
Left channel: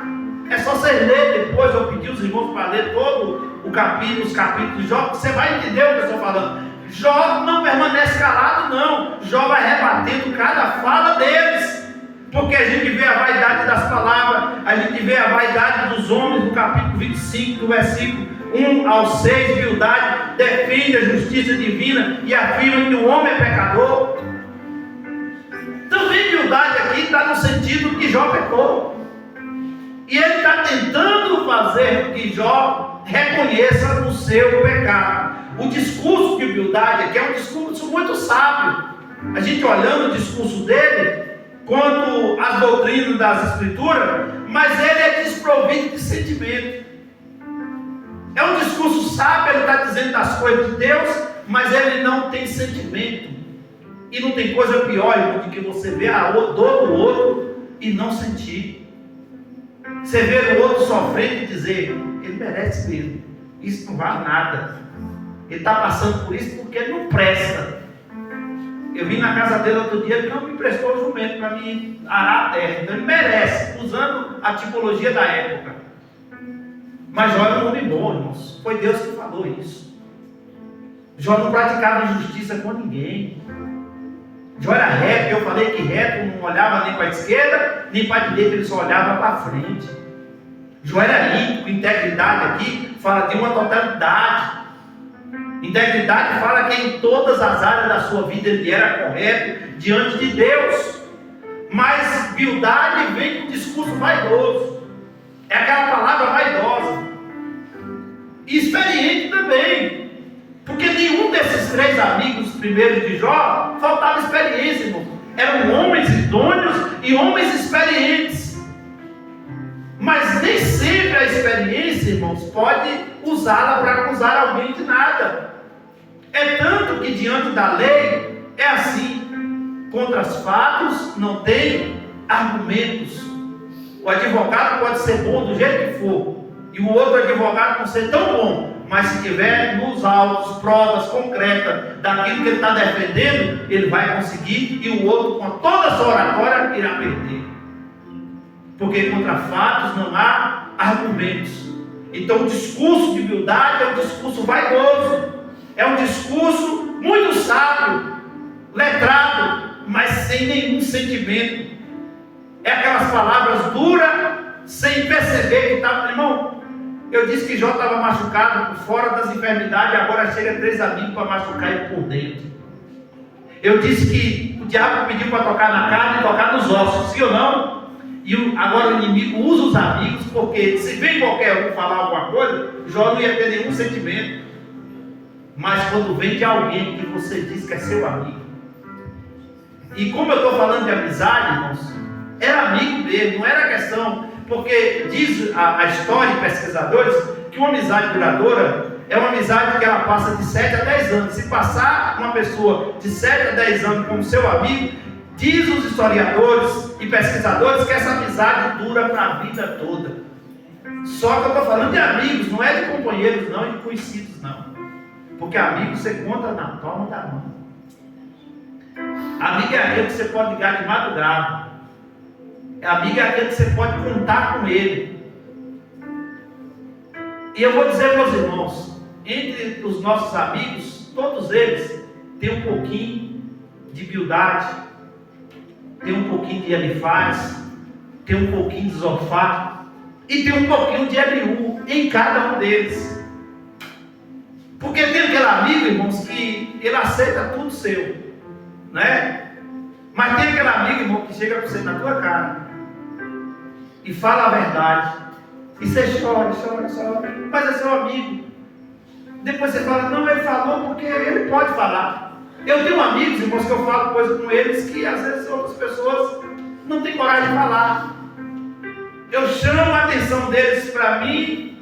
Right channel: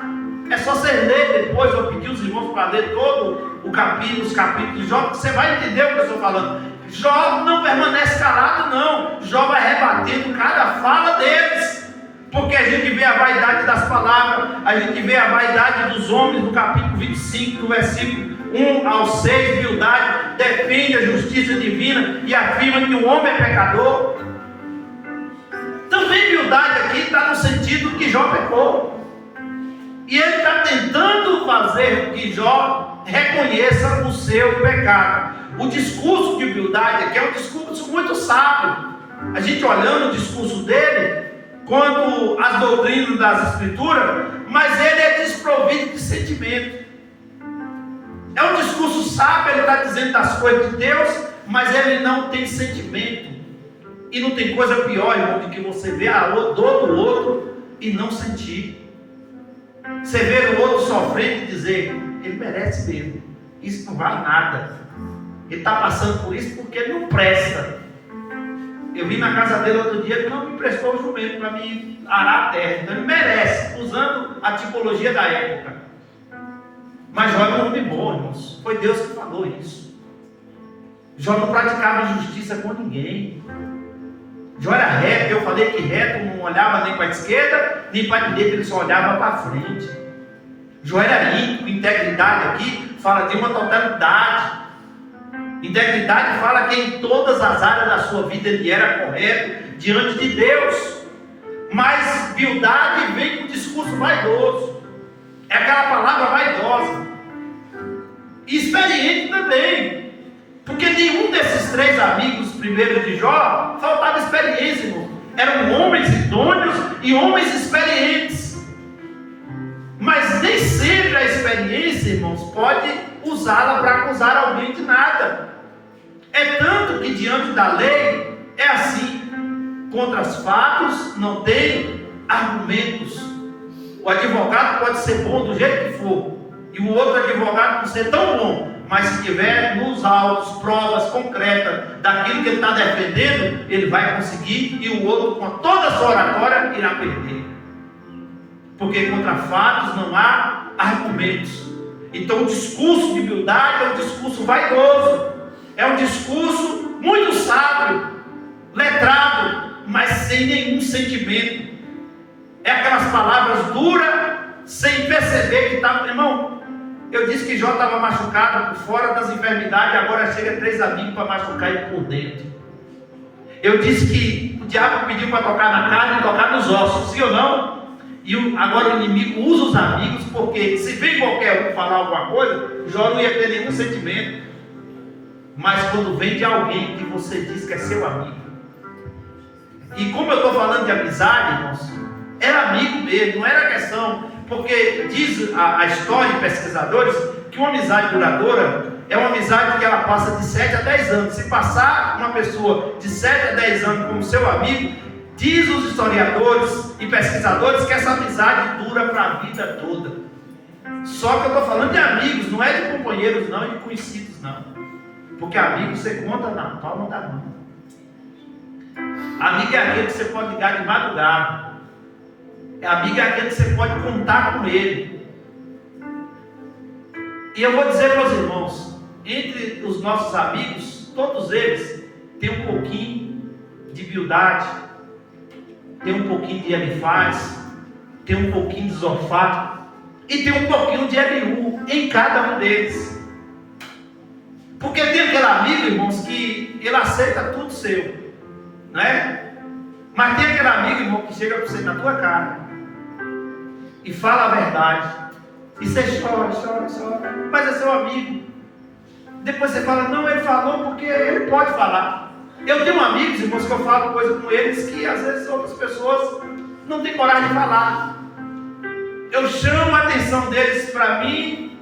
É só você ler depois, eu pedi os irmãos para ler todo o capítulo, os capítulos de Jó, você vai entender o que eu estou falando. Jó não permanece calado, não. Jó vai rebatendo cada fala deles. Porque a gente vê a vaidade das palavras, a gente vê a vaidade dos homens no capítulo 25, do versículo 1 ao 6, Bildade defende a justiça divina e afirma que o homem é pecador. Também Bildade aqui está no sentido que Jó pecou. E ele está tentando fazer que Jó reconheça o seu pecado. O discurso de Bildade aqui é um discurso muito sábio. A gente olhando o discurso dele, quanto às doutrinas das Escrituras, mas ele é desprovido de sentimento. É um discurso sábio, ele está dizendo das coisas de Deus, mas ele não tem sentimento. E não tem coisa pior, irmão, do que você ver a dor do outro e não sentir. Você vê o outro sofrendo e dizer: ele merece mesmo, isso não vale nada, ele está passando por isso porque ele não presta. Eu vim na casa dele outro dia, ele não me prestou o jumento para me arar a terra, então ele merece, usando a tipologia da época. Mas Jó era um homem bom, irmãos, foi Deus que falou isso. Jó não praticava injustiça com ninguém. Jó era reto, eu falei que reto não olhava nem para a esquerda, nem para a direita, ele só olhava para a frente. Jó era íntegro, integridade aqui fala de uma totalidade. Integridade fala que em todas as áreas da sua vida ele era correto diante de Deus. Mas Bildade vem com um discurso vaidoso. É aquela palavra vaidosa. E experiente também. Porque nenhum desses três amigos primeiros de Jó faltava experiência, irmão. Eram homens idôneos e homens experientes. Mas nem sempre a experiência, irmãos, pode usá-la para acusar alguém de nada. É tanto que diante da lei é assim: contra os fatos não tem argumentos. O advogado pode ser bom do jeito que for, e o outro advogado não ser tão bom, mas se tiver nos autos provas concretas daquilo que ele está defendendo, ele vai conseguir, e o outro, com toda a sua oratória, irá perder. Porque contra fatos não há argumentos. Então o discurso de Bildade é um discurso vaidoso, é um discurso muito sábio, letrado, mas sem nenhum sentimento. É aquelas palavras duras, sem perceber que estava. Irmão, eu disse que Jó estava machucado por fora das enfermidades, agora chega 3 amigos para machucar ele por dentro. Eu disse que o diabo pediu para tocar na carne e tocar nos ossos, sim ou não? E agora o inimigo usa os amigos, porque se vem qualquer um falar alguma coisa, Jó não ia ter nenhum sentimento. Mas quando vem de alguém que você diz que é seu amigo, e como eu estou falando de amizade, irmãos, era amigo dele, não era questão, porque diz a história de pesquisadores que uma amizade duradoura é uma amizade que ela passa de 7 a 10 anos. Se passar uma pessoa de 7 a 10 anos como seu amigo, diz os historiadores e pesquisadores que essa amizade dura para a vida toda. Só que eu estou falando de amigos, não é de companheiros não, e de conhecidos não. Porque amigo você conta na palma da mão. Amigo é aquele que você pode ligar de madrugada. Amigo é aquele que você pode contar com ele. E eu vou dizer para os irmãos, entre os nossos amigos, todos eles têm um pouquinho de Bildade, tem um pouquinho de Elifaz, tem um pouquinho de Zofar e tem um pouquinho de Eliú em cada um deles. Porque tem aquele amigo, irmãos, que ele aceita tudo seu, né? Mas tem aquele amigo, irmão, que chega para você na tua cara e fala a verdade, e você chora, mas é seu amigo. Depois você fala: não, ele falou porque ele pode falar. Eu tenho amigos, irmãos, que eu falo coisa com eles que às vezes outras pessoas não têm coragem de falar. eu chamo a atenção deles para mim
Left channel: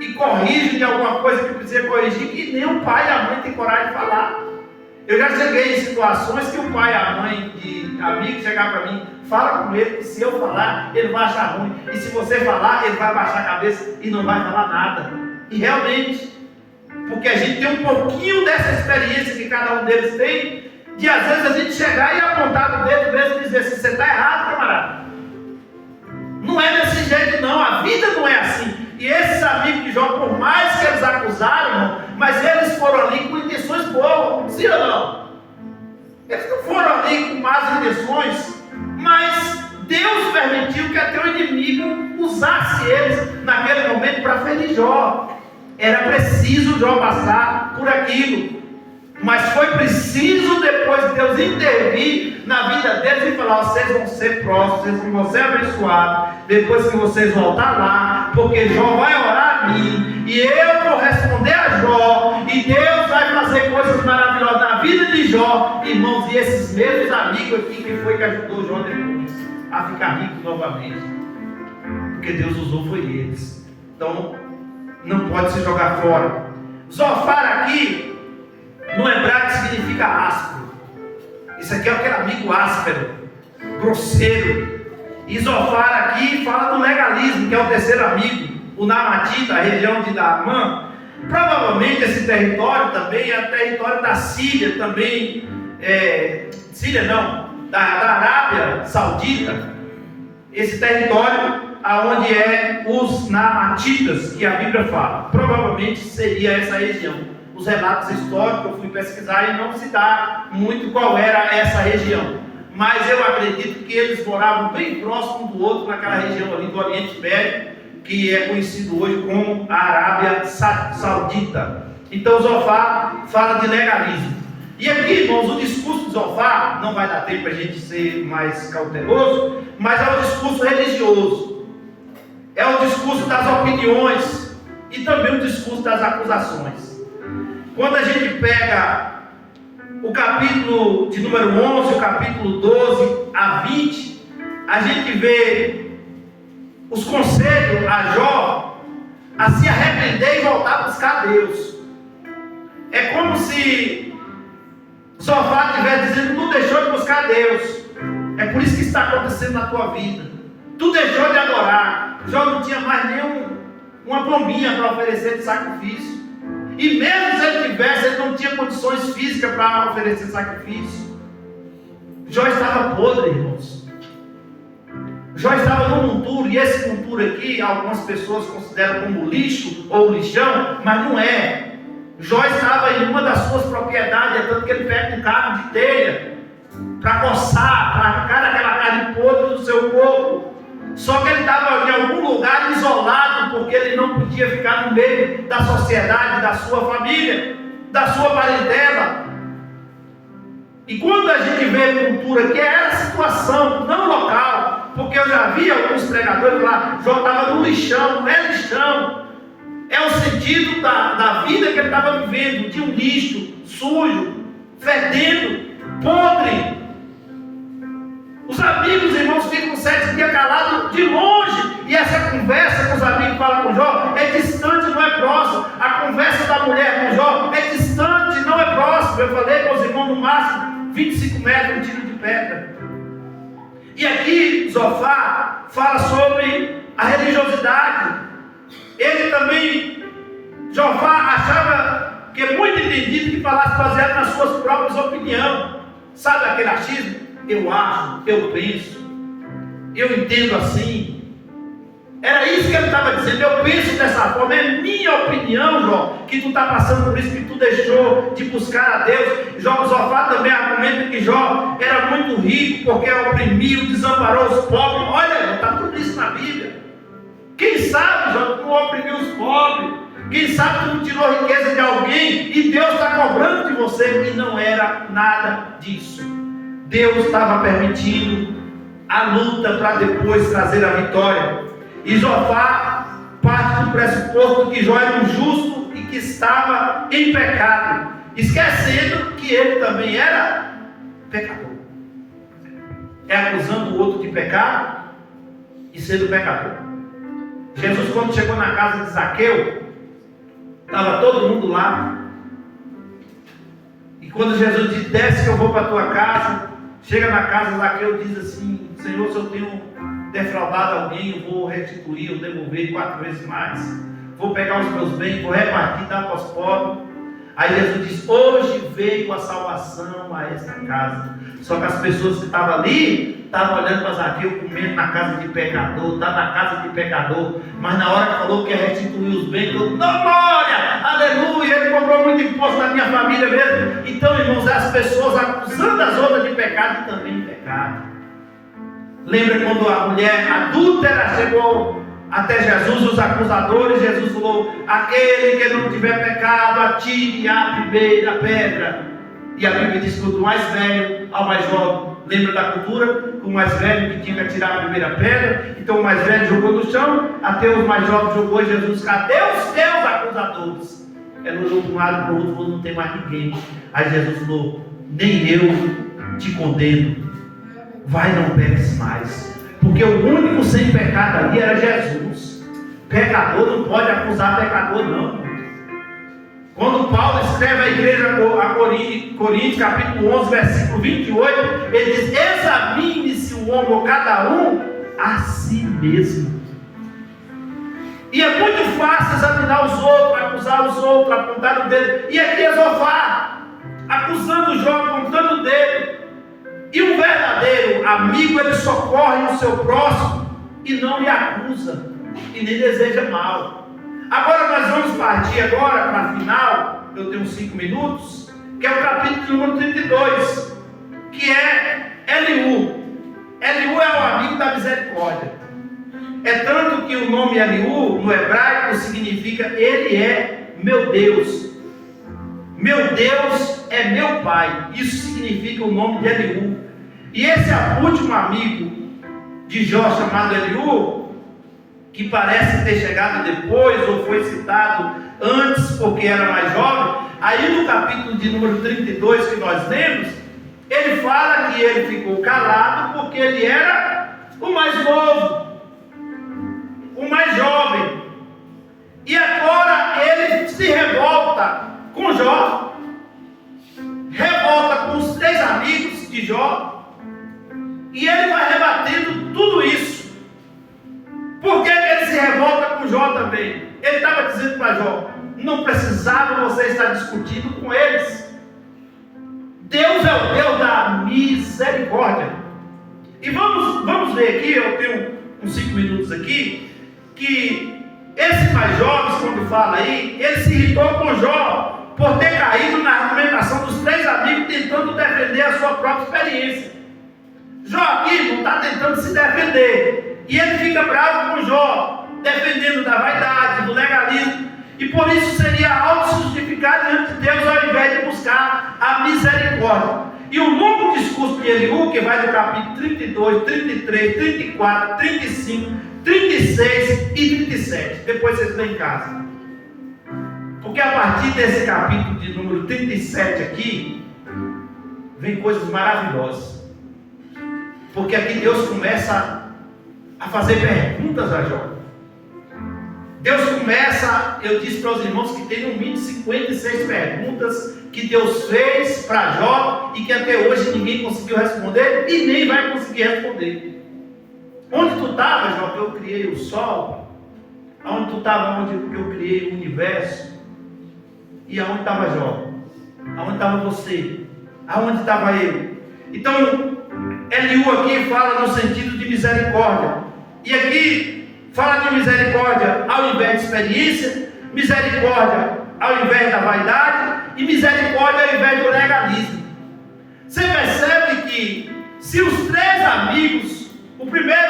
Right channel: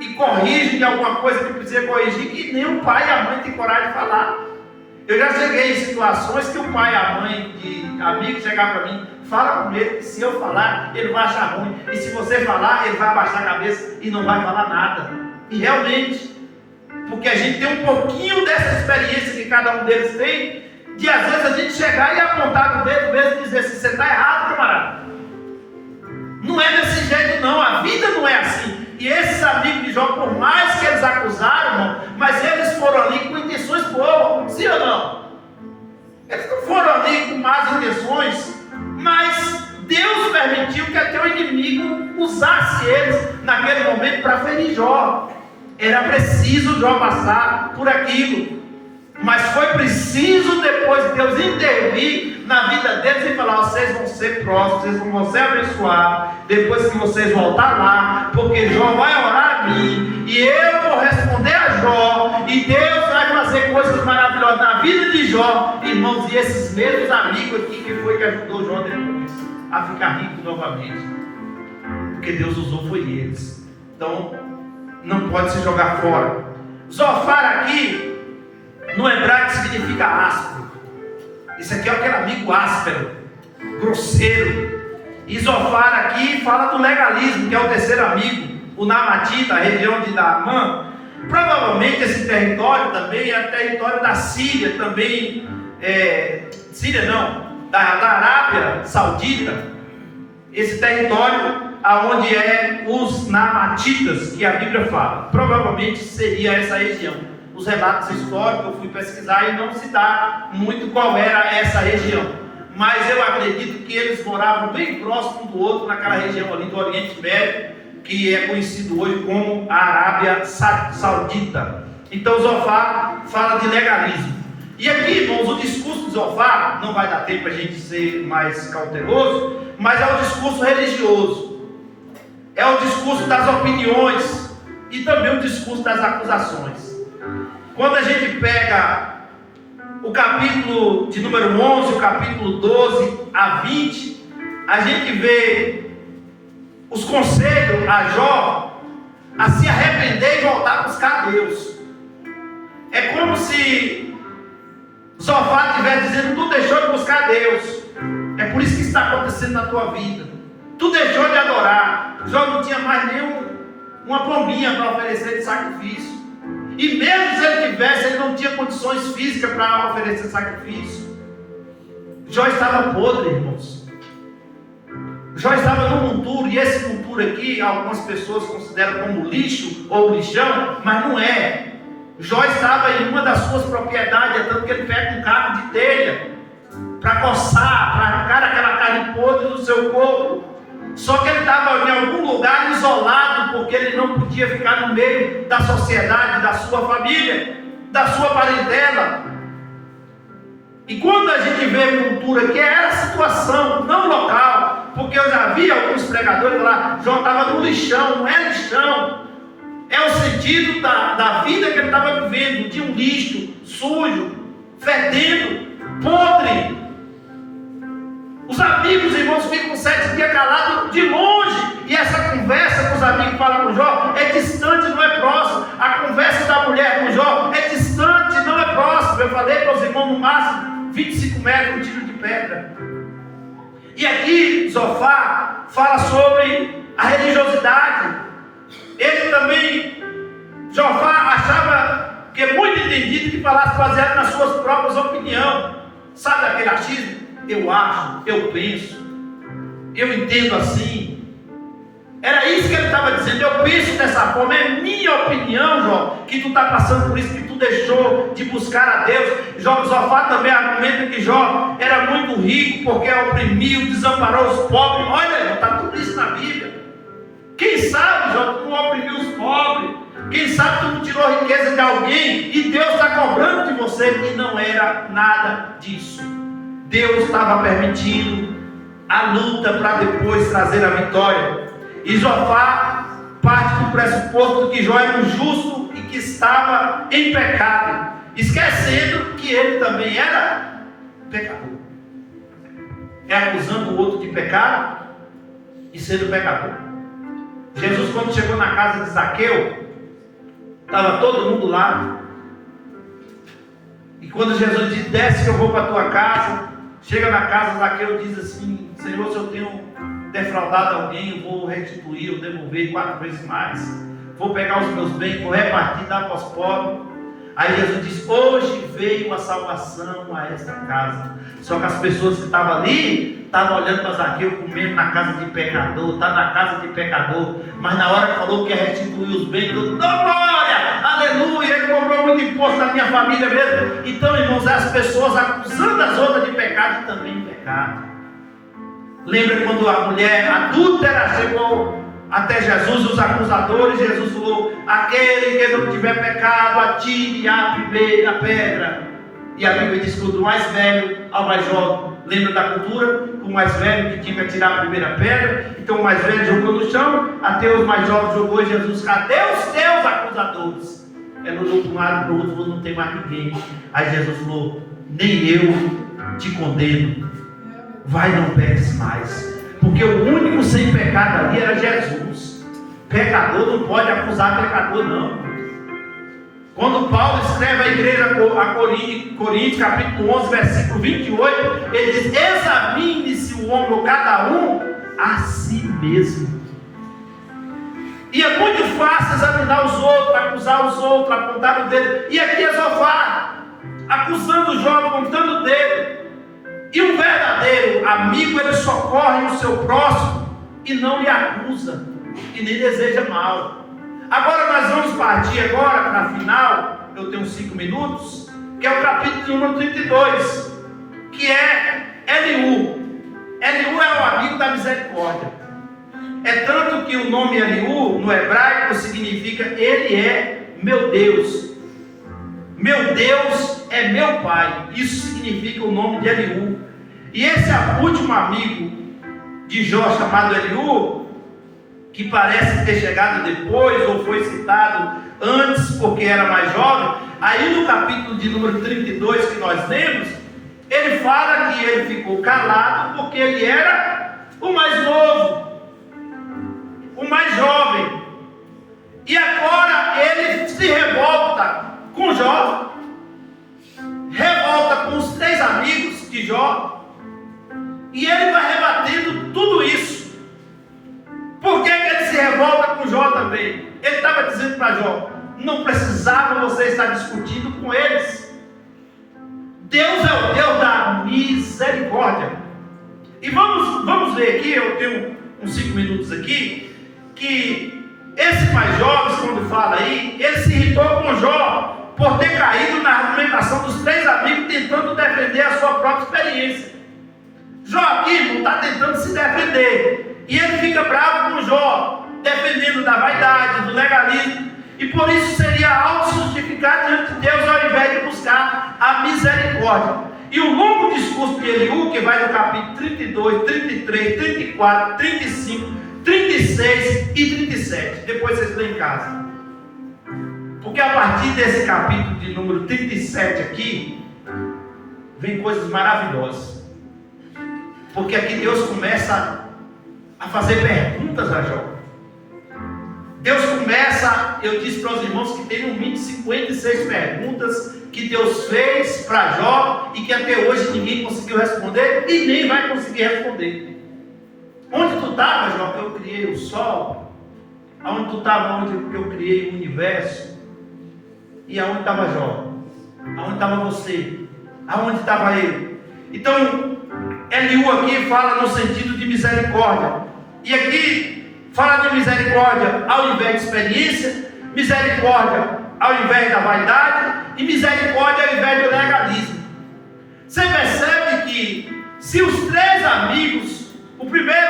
e corrijo de alguma coisa que precisa corrigir, que nem o pai e a mãe têm coragem de falar. Eu já cheguei em situações que o pai e a mãe de amigo chegar para mim, fala com ele, que se eu falar, ele vai achar ruim. E se você falar, ele vai abaixar a cabeça e não vai falar nada. E realmente, porque a gente tem um pouquinho dessa experiência que cada um deles tem, de às vezes a gente chegar e apontar o dedo mesmo e dizer assim, você está errado, camarada. Não é desse jeito não, a vida não é assim. E esses amigos de Jó, por mais que eles acusaram, irmão, mas eles foram ali com intenções boas, sim ou não? Eles não foram ali com más intenções, mas Deus permitiu que até o inimigo usasse eles naquele momento para ferir Jó. Era preciso Jó passar por aquilo, mas foi preciso depois Deus intervir na vida deles e falar, vocês vão ser próximos, vocês vão ser abençoados, depois que vocês voltarem lá, porque Jó vai orar a mim, e eu vou responder a Jó, e Deus vai fazer coisas maravilhosas na vida de Jó, irmãos, e esses mesmos amigos aqui que foi que ajudou Jó depois a ficar rico novamente, porque Deus usou foi eles. Então não pode se jogar fora. Zofar aqui no hebraico significa áspero. Isso aqui é aquele amigo áspero, grosseiro. E Zofar aqui fala do legalismo, que é o terceiro amigo, o Namatita, a região de Naamã. Provavelmente esse território também é o território da Síria, também, Síria não, da Arábia Saudita. Esse território aonde é os Naamatitas, que a Bíblia fala. Provavelmente seria essa região. Os relatos históricos eu fui pesquisar e não se dá muito qual era essa região, mas eu acredito que eles moravam bem próximo um do outro naquela região ali do Oriente Médio, que é conhecido hoje como a Arábia Saudita. Então Zofar fala de legalismo. E aqui, irmãos, o discurso de Zofar, não vai dar tempo para a gente ser mais cauteloso, mas é o discurso religioso, é o discurso das opiniões e também o discurso das acusações. Quando a gente pega o capítulo de número 11, o capítulo 12 a 20, a gente vê os conselhos a Jó a se arrepender e voltar a buscar Deus. É como se Zofar estivesse dizendo, tu deixou de buscar Deus. É por isso que está acontecendo na tua vida. Tu deixou de adorar. Jó não tinha mais uma pombinha para oferecer de sacrifício. E mesmo se ele tivesse, ele não tinha condições físicas para oferecer sacrifício. Jó estava podre, irmãos. Jó estava num monturo, e esse monturo aqui, algumas pessoas consideram como lixo ou lixão, mas não é. Jó estava em uma das suas propriedades, tanto que ele pega um cabo de telha para coçar, para arrancar aquela carne podre do seu corpo. Só que ele estava em algum lugar isolado, porque ele não podia ficar no meio da sociedade, da sua família, da sua parentela. E quando a gente vê cultura, que era a situação, não local, porque eu já vi alguns pregadores lá, Jó estava no lixão, não é lixão, é o sentido da vida que ele estava vivendo, de um lixo, sujo, fedendo, podre. Os amigos, irmãos, ficam 7 dias calados de longe. E essa conversa que os amigos falam com Jó é distante, não é próximo. A conversa da mulher com Jó é distante, não é próximo. Eu falei para os irmãos, no máximo 25 metros, um tiro de pedra. E aqui Zofar fala sobre a religiosidade. Ele também, Zofar achava que é muito entendido que falasse baseado nas suas próprias opiniões. Sabe aquele achismo? Eu acho, eu penso, eu entendo assim. Era isso que ele estava dizendo. Eu penso dessa forma, é minha opinião, Jó, que tu está passando por isso, que tu deixou de buscar a Deus. Zofar também argumenta que Jó era muito rico, porque oprimiu, desamparou os pobres. Olha, está tudo isso na Bíblia. Quem sabe, Jó, tu não oprimiu os pobres. Quem sabe tu não tirou a riqueza de alguém e Deus está cobrando de você. E não era nada disso. Deus estava permitindo a luta para depois trazer a vitória. E Zofar parte do pressuposto que Jó era um justo e que estava em pecado, esquecendo que ele também era pecador. É acusando o outro de pecado? e sendo pecador. Jesus, quando chegou na casa de Zaqueu, estava todo mundo lá. E quando Jesus disse: desce que eu vou para a tua casa, chega na casa, Zaqueu diz assim: Senhor, se eu tenho defraudado alguém, eu vou restituir, eu devolver 4 vezes mais, vou pegar os meus bens, vou repartir, dar para os pobres. Aí Jesus diz: hoje veio a salvação a esta casa. Só que as pessoas que estavam ali estavam olhando para Zaqueu, comendo na casa de pecador, está na casa de pecador. Mas na hora que falou que ia restituir os bens, todo mundo: glória, aleluia, ele cobrou muito imposto na minha família mesmo. Então, irmãos, as pessoas acusando as outras de pecado e também de pecado. Lembra quando a mulher adúltera chegou até Jesus, os acusadores? Jesus falou: aquele que não tiver pecado, atire a primeira pedra. E a Bíblia diz que do mais velho ao mais jovem. Lembra da cultura? O mais velho que tinha que atirar a primeira pedra. Então o mais velho jogou no chão, até os mais jovens jogou, e Jesus: cadê os teus acusadores? Ele olhou para um lado e para o outro, falou: não tem mais ninguém. Aí Jesus falou: nem eu te condeno, vai, não peques mais. Porque o único sem pecado ali era Jesus. Pecador não pode acusar pecador, não. Quando Paulo escreve à igreja a Coríntios, capítulo 11, versículo 28, ele diz: examine-se o homem, ou cada um, a si mesmo. E é muito fácil examinar os outros, acusar os outros, apontar o dedo. E aqui é Zofar, acusando Jó, apontando o dedo. E um verdadeiro amigo, ele socorre o seu próximo e não lhe acusa, e nem deseja mal. Agora nós vamos partir agora para a final, eu tenho 5 minutos, que é o capítulo de número 32, que é Eliú. Eliú é o amigo da misericórdia. É tanto que o nome Eliú, no hebraico, significa ele é meu Deus. Meu Deus é meu Pai. Isso significa o nome de Eliú. E esse último amigo de Jó, chamado Eliú, que parece ter chegado depois, ou foi citado antes porque era mais jovem, aí no capítulo de número 32 que nós lemos, ele fala que ele ficou calado porque ele era o mais novo, o mais jovem. E agora ele se revolta com Jó, revolta com os 3 amigos de Jó, e ele vai rebatendo tudo isso. Por que ele se revolta com Jó também? Ele estava dizendo para Jó: não precisava você estar discutindo com eles. Deus é o Deus da misericórdia. E vamos ver aqui, eu tenho uns 5 minutos aqui, que esse mais jovem, quando fala aí, ele se irritou com Jó por ter caído na argumentação dos 3 amigos tentando defender a sua própria experiência. Jó aqui não está tentando se defender. E ele fica bravo com Jó, defendendo da vaidade, do legalismo. E por isso seria auto-justificar diante de Deus, ao invés de buscar a misericórdia. E o longo discurso de Eliú, que vai do capítulo 32, 33, 34, 35, 36 e 37. Depois vocês lêem em casa. Porque a partir desse capítulo de número 37 aqui, vem coisas maravilhosas. Porque aqui Deus começa a fazer perguntas a Jó. Deus começa, eu disse para os irmãos que tem no mínimo 56 perguntas que Deus fez para Jó e que até hoje ninguém conseguiu responder e nem vai conseguir responder. Onde tu estava, Jó, que eu criei o sol? Aonde tu estava, onde eu criei o universo? E aonde estava Jó? Aonde estava você? Aonde estava eu? Então, Eliú aqui fala no sentido de misericórdia. E aqui fala de misericórdia ao invés de experiência, misericórdia ao invés da vaidade e misericórdia ao invés do legalismo. Você percebe que se os 3 amigos, o primeiro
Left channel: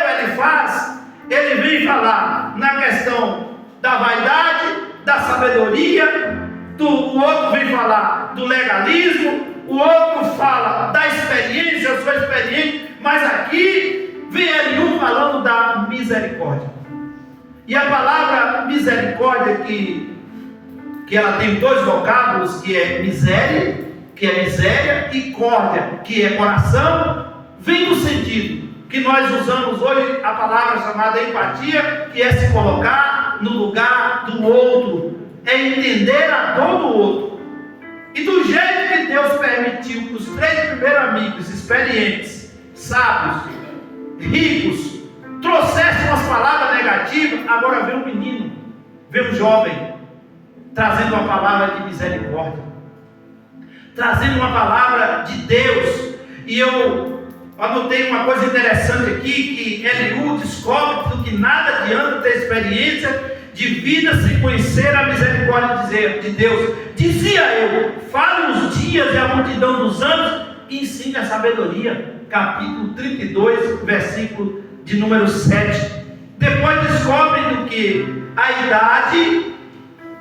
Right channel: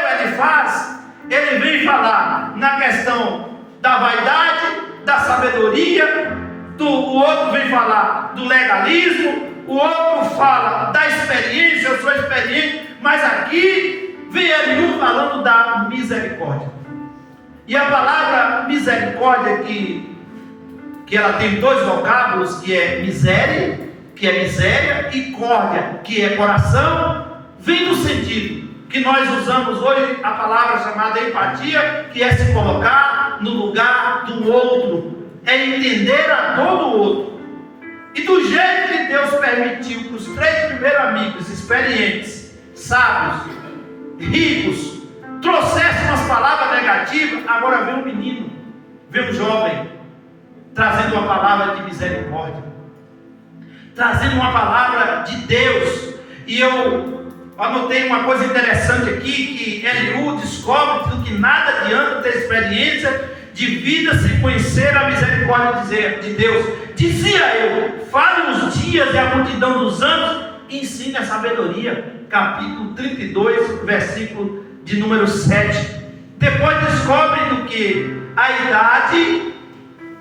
ele vem falar na questão da vaidade, da sabedoria, o outro vem falar do legalismo, o outro fala da experiência, eu sou experiente, mas aqui vem Eliú falando da misericórdia. E a palavra misericórdia, que ela tem 2 vocábulos, que é miséria, que é miséria, e córdia, que é coração, vem no sentido que nós usamos hoje a palavra chamada empatia, que é se colocar no lugar do outro, é entender a dor do outro. E do jeito que Deus permitiu que os 3 primeiros amigos experientes, sábios, ricos, trouxessem umas palavras negativas, agora vem um menino, vem um jovem, trazendo uma palavra de misericórdia, trazendo uma palavra de Deus. E eu anotei uma coisa interessante aqui, que Eliú descobre que nada adianta ter experiência de vida sem conhecer a misericórdia de Deus. Dizia eu, fale os dias e a multidão dos anos, e ensine a sabedoria. Capítulo 32, versículo de número 7. Depois descobre que a idade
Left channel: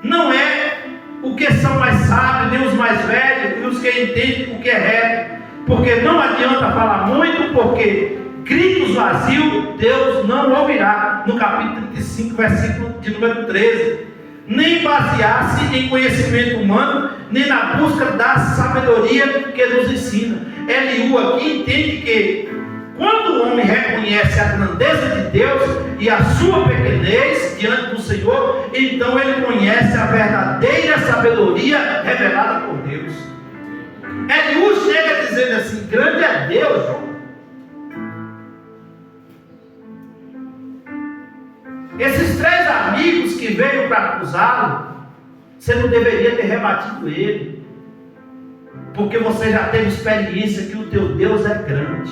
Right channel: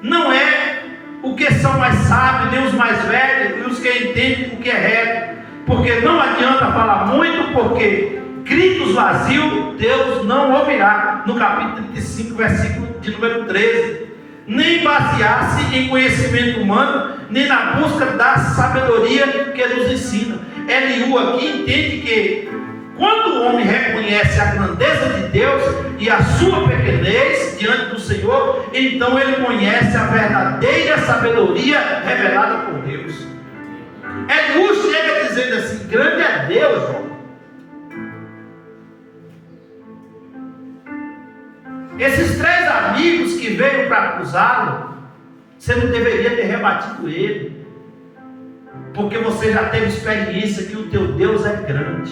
não é o que são mais sábios, nem os mais velhos, e os que entendem o que é reto. Porque não adianta falar muito, porque gritos vazios Deus não ouvirá. No capítulo 35, versículo de número 13. Nem basear-se em conhecimento humano, nem na busca da sabedoria que nos ensina. Eliú aqui entende que quando o homem reconhece a grandeza de Deus e a sua pequenez diante do Senhor, então ele conhece a verdadeira sabedoria revelada por Deus. Eliú chega dizendo assim: grande é Deus, João. Esses 3 amigos que veio para acusá-lo, você não deveria ter rebatido ele, porque você já teve experiência que o teu Deus é grande.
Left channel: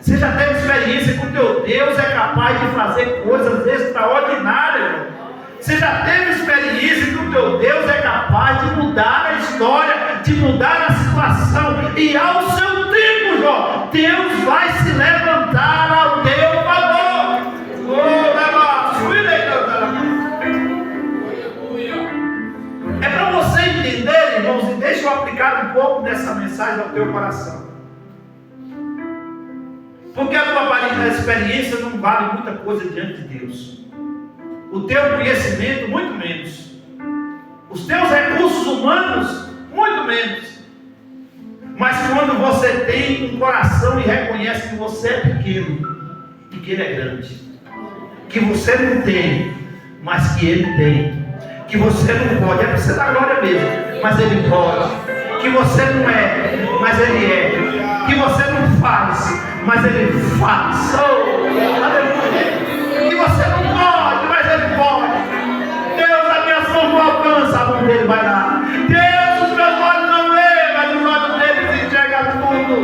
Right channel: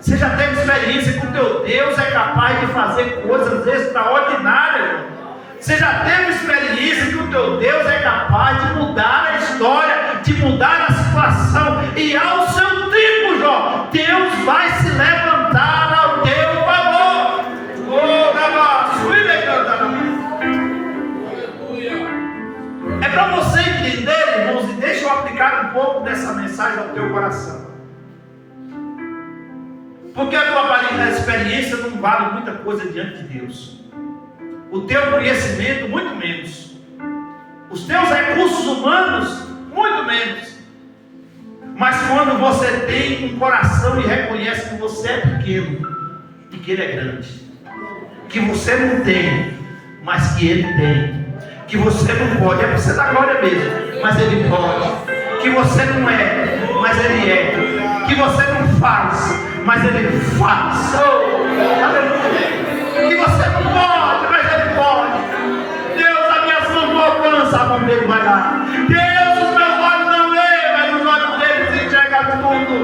Você já teve experiência que o teu Deus é capaz de fazer coisas extraordinárias. Você já teve experiência que o teu Deus é capaz de mudar a história, de mudar a situação. E ao seu tempo, Jó, Deus vai se levantar ao teu favor. É para você entender, irmãos, e deixa eu aplicar um pouco dessa mensagem ao teu coração. Porque a tua experiência não vale muita coisa diante de Deus. O teu conhecimento, muito menos. Os teus recursos humanos, muito menos. Mas quando você tem um coração e reconhece que você é pequeno e que Ele é grande, que você não tem, mas que Ele tem, que você não pode, é para você dar glória mesmo, mas Ele pode, que você não é, mas Ele é, que você não faz, mas Ele faz, que você não pode, mas Ele pode. Deus, a minha mão não alcança, a mão dele vai lá. Deus, os meus olhos não veem, mas os olhos dele enxergam tudo.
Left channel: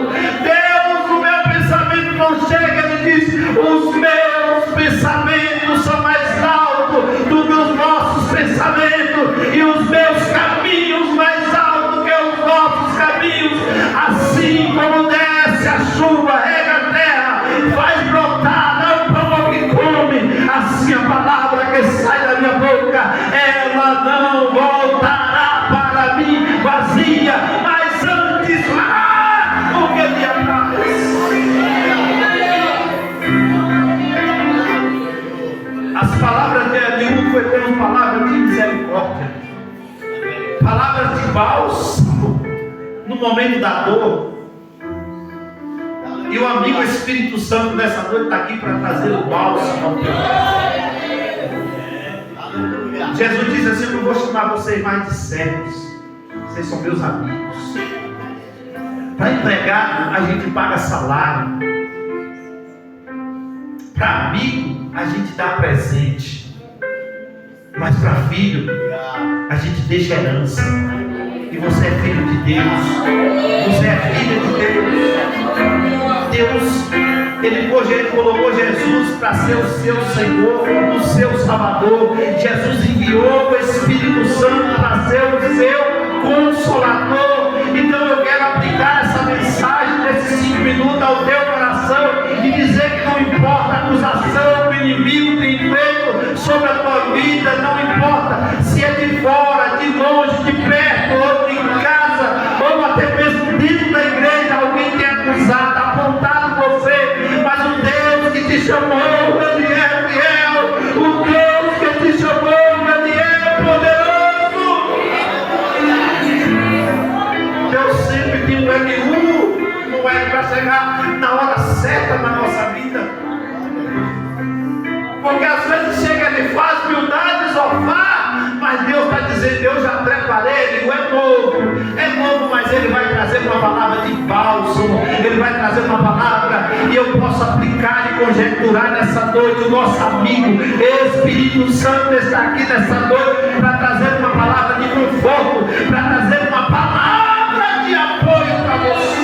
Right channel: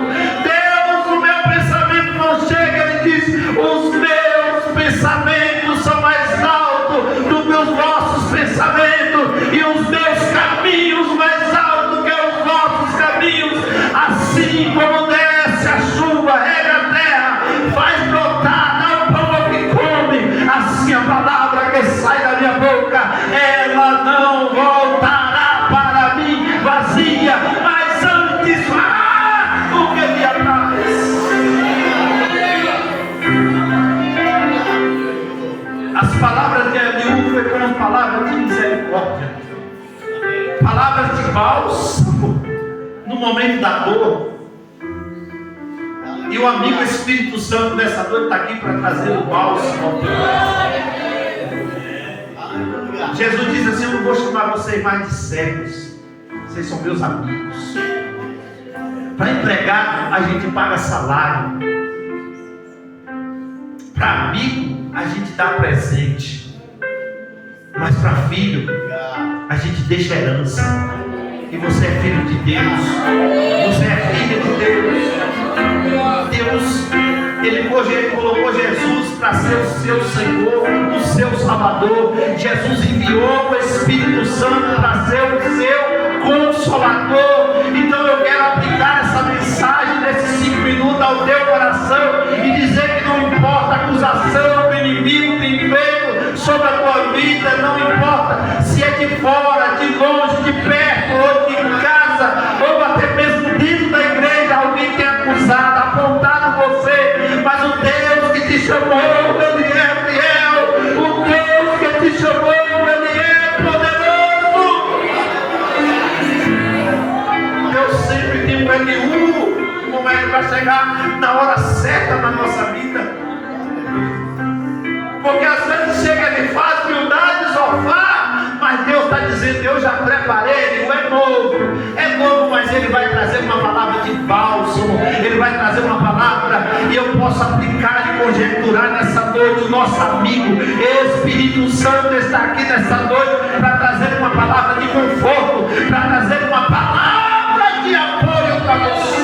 Deus, o meu pensamento não chega, Ele diz: os meus pensamentos são mais altos do que os vossos pensamentos, e os meus caminhos mais altos que os vossos caminhos. Assim como desce a chuva, rega a terra, faz brotar, dá o pão ao que come, assim a palavra que sai da minha boca, ela não voltará para mim vazia, mas antes o que lhe apraz. As palavras de Eliú foi como palavras de misericórdia, palavras de bálsamo no momento da dor. E o amigo Espírito Santo nessa noite está aqui para trazer o bálsamo ao teu coração. Jesus disse assim: eu não vou chamar vocês mais de servos, vocês são meus amigos. Para empregar a gente paga salário, para amigo a gente dá presente, mas para filho a gente deixa herança. E você é filho de Deus, você é filha de Deus. Deus, Ele colocou Jesus para ser o seu Senhor, o seu Salvador. Jesus enviou o Espírito Santo para ser o seu Consolador. Então eu quero aplicar essa mensagem desses 5 minutos ao teu coração e dizer que não importa a acusação que o inimigo tem feito sobre a tua vida, não importa se é de fora, de longe, de perto, ou de casa, ou até mesmo dentro da igreja, alguém tem acusado, apontado você, mas o Deus que te chamou, Ele é fiel, o Deus que te chamou, Ele é poderoso. Deus sempre tem um Eliú, como é que vai chegar na hora certa, na Porque às vezes chega ele faz humildade, sofá, mas Deus está dizendo, eu já preparei, ele é novo, mas ele vai trazer uma palavra de bálsamo, ele vai trazer uma palavra e eu posso aplicar e conjecturar nessa noite. O nosso amigo Espírito Santo está aqui nessa noite para trazer uma palavra de conforto, para trazer uma palavra de apoio para você.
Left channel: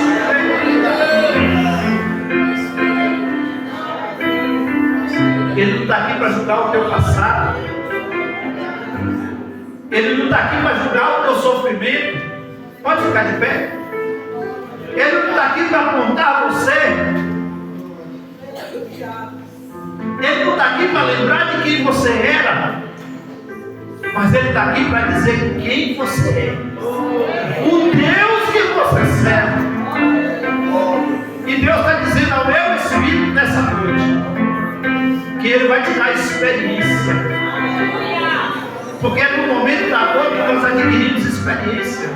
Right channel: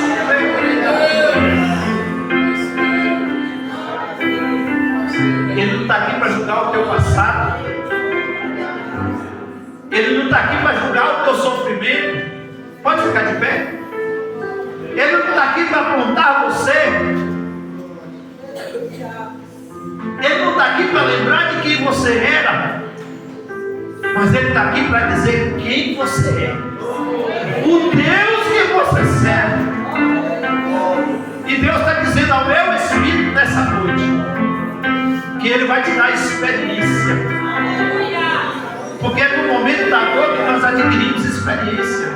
Ele não está aqui para julgar o teu passado. Ele não está aqui para julgar o teu sofrimento. Pode ficar de pé. Ele não está aqui para apontar você. Ele não está aqui para lembrar de quem você era. Mas Ele está aqui para dizer quem você é. O Deus que você serve. E Deus está dizendo ao meu espírito nessa noite que Ele vai te dar experiência. Porque é no momento da dor que nós adquirimos experiência.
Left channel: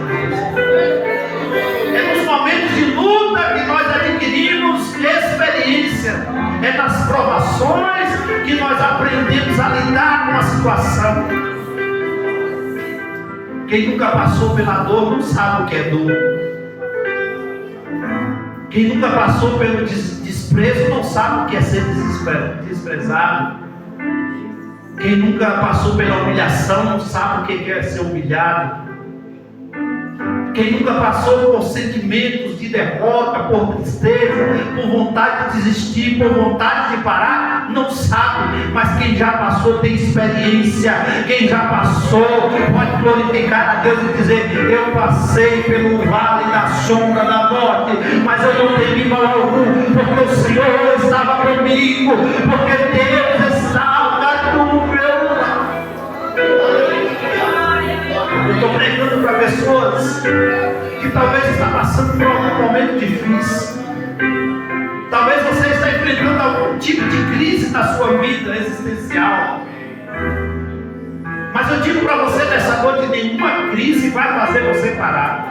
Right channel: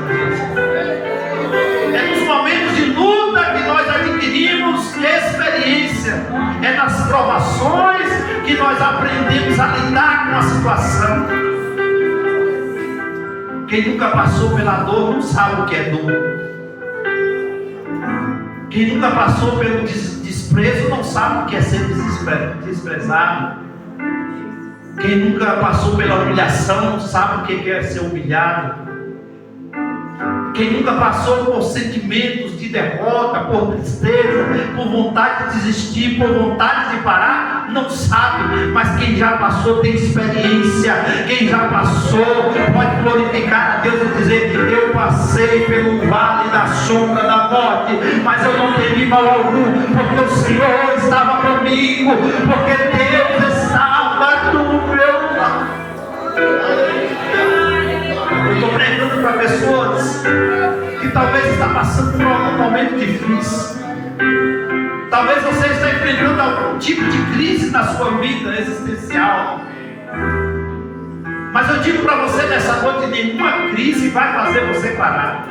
É nos momentos de luta que nós adquirimos experiência. É nas provações que nós aprendemos a lidar com a situação. Quem nunca passou pela dor não sabe o que é dor. Quem nunca passou pelo desprezo não sabe o que é ser desprezado. Quem nunca passou pela humilhação não sabe o que é ser humilhado. Quem nunca passou por sentimentos de derrota, por tristeza, por vontade de desistir, por vontade de parar, não sabe. Mas quem já passou tem experiência. Quem já passou pode glorificar a Deus e dizer: eu passei pelo vale da sombra da morte, mas eu não temi mal algum, porque o Senhor estava comigo, porque Deus estava do meu lado. Eu estou pregando para pessoas que talvez está passando por algum momento difícil. Talvez você está enfrentando algum tipo de crise na sua vida existencial. Mas eu digo para você nessa noite: nenhuma crise vai fazer você parar.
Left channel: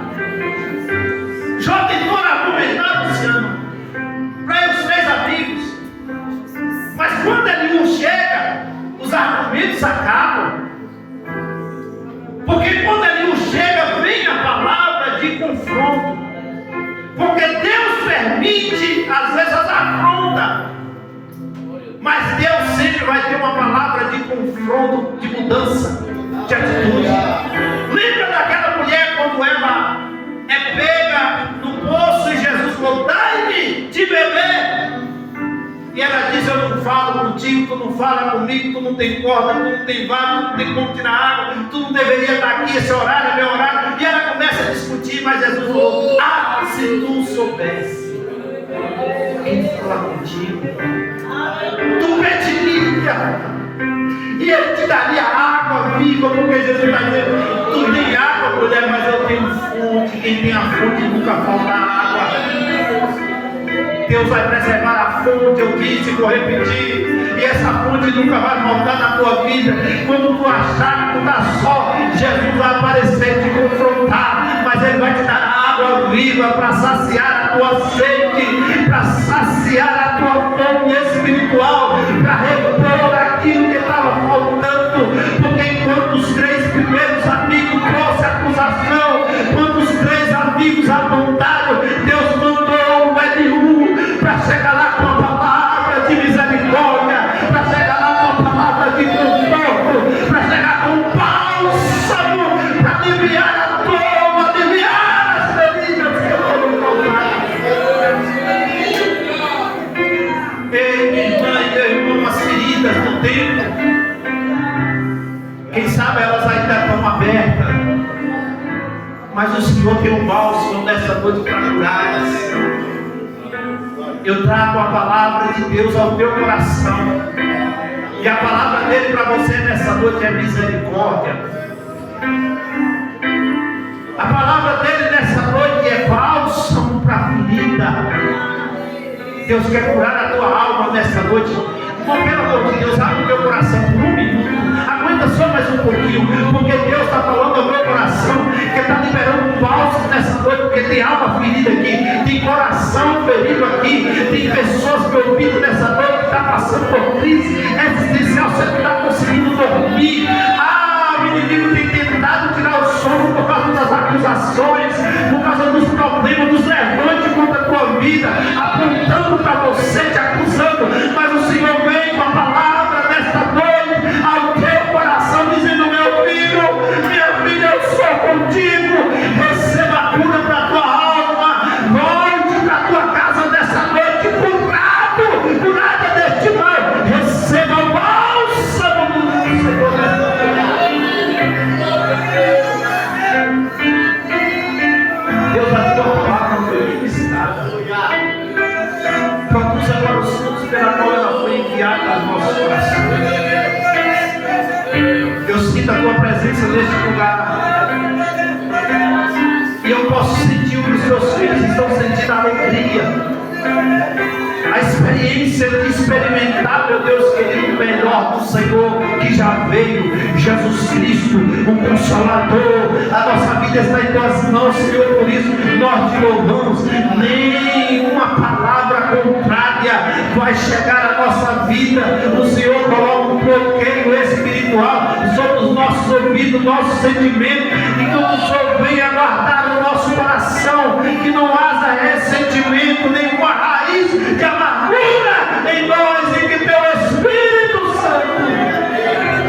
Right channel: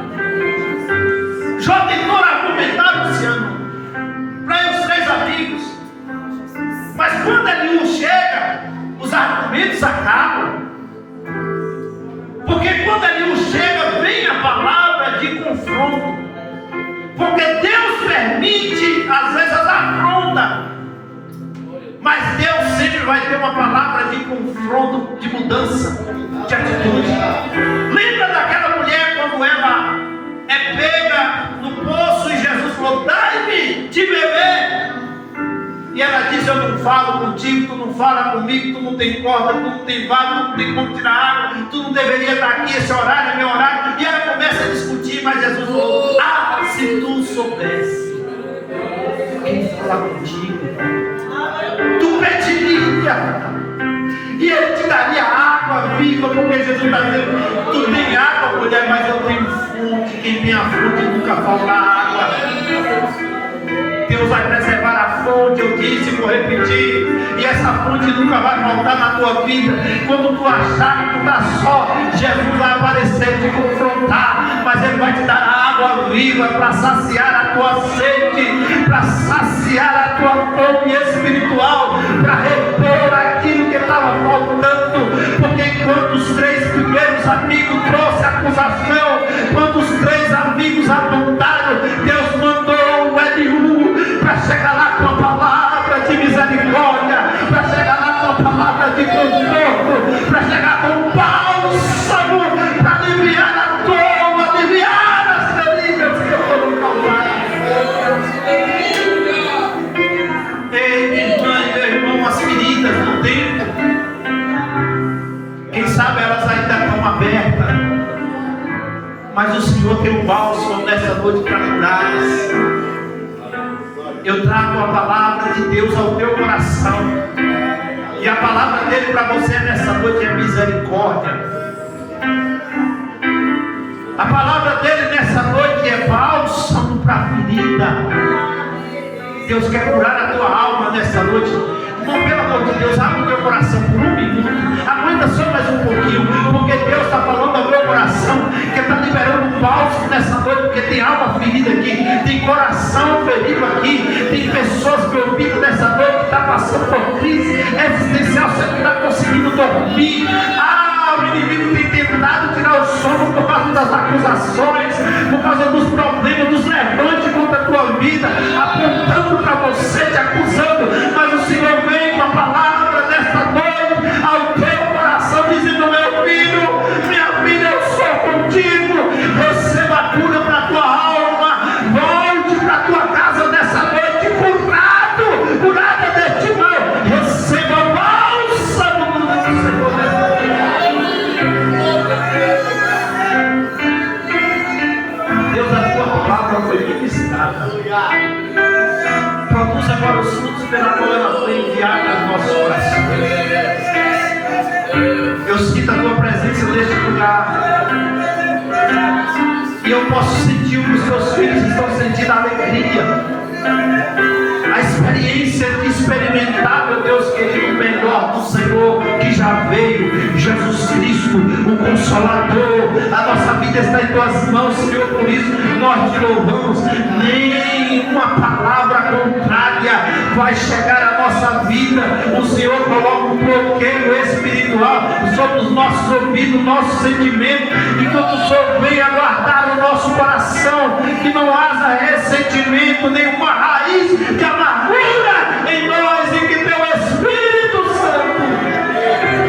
Jó tentou argumentar, Luciano, para os 3 amigos. Mas quando Eliú chega, os argumentos acabam. Porque quando Eliú chega, vem a palavra de confronto. Porque Deus permite, às vezes, as afrontas. Mas Deus sempre vai ter uma palavra de confronto, de mudança, de atitude. Lembra daquela mulher quando ela é pega no poço e Jesus falou: dai-me de beber. E ela diz: eu não falo contigo, tu não fala comigo, tu não tem corda, tu não tem vara, tu não tem como tirar água, tu não deveria estar aqui, esse horário é meu horário. E ela começa a discutir, mas Jesus falou: ah, se tu soubesse quem fala contigo, tu pediria, e Ele te daria água viva, porque Jesus está dizendo: tu tem água, mulher, mas eu tenho fonte, quem tem a fonte nunca falta água. Deus vai preservar a fonte, eu disse, vou repetir, e essa fonte nunca vai faltar na tua vida. Quando tu achar que tu está só, Jesus vai aparecer e te confrontar, mas Ele vai te dar água viva para saciar a tua sede, para saciar a tua fome espiritual, para repor aquilo que estava faltando. Porque enquanto os 3 primeiros amigos trouxeram acusação, quando os 3 amigos apontaram, Deus mandou o Eliú para chegar lá com a palavra de misericórdia, para chegar lá com a palavra de conforto, para chegar com o bálsamo, para aliviar a dor, aliviar as feridas que foram causadas. Ei, minha irmã e meu irmão, as feridas do tempo, quem sabe elas ainda estão abertas, mas o Senhor tem um bálsamo nessa noite para curá-las. Eu trago a palavra de Deus ao teu coração, e a palavra dele para você nessa noite é misericórdia. A palavra dele nessa noite é bálsamo para a ferida. Deus quer curar a tua alma nessa noite. Irmão, pelo amor de Deus, abre o teu coração por 1 minuto. Aguenta só mais um pouquinho, porque Deus está falando ao meu coração, que está liberando um bálsamo nessa noite, porque tem alma ferida aqui, tem coração ferido aqui, tem pessoas me ouvindo nessa noite que estão passando por crise existencial. causa dos problemas, dos levantes contra a tua vida, apontando para você, te acusando, mas o Senhor vem com a palavra nesta noite ao teu coração, dizendo: meu filho, minha filha, eu sou contigo, receba a cura para a tua alma, volte para a tua casa nessa noite curada deste mal, receba o bálsamo do Senhor. Deus, a tua palavra foi ministrada. Produz agora os frutos pela qual ela foi enviada aos nossos corações. Eu sinto a tua presença neste lugar. E eu posso sentir o que os teus filhos estão sentindo, a alegria, a experiência de experimentar, meu Deus querido, o melhor do Senhor que já veio, Jesus Cristo, o Consolador. A nossa vida está em tuas mãos, Senhor, por isso nós te louvamos. Nenhuma palavra contrária vai chegar à nossa vida. O Senhor coloca um bloqueio espiritual sobre os nossos ouvidos, nossos sentimentos, enquanto o Senhor vem aguardar o nosso coração, que não haja ressentimento, nenhuma raiz de amargura em nós, e que teu Espírito Santo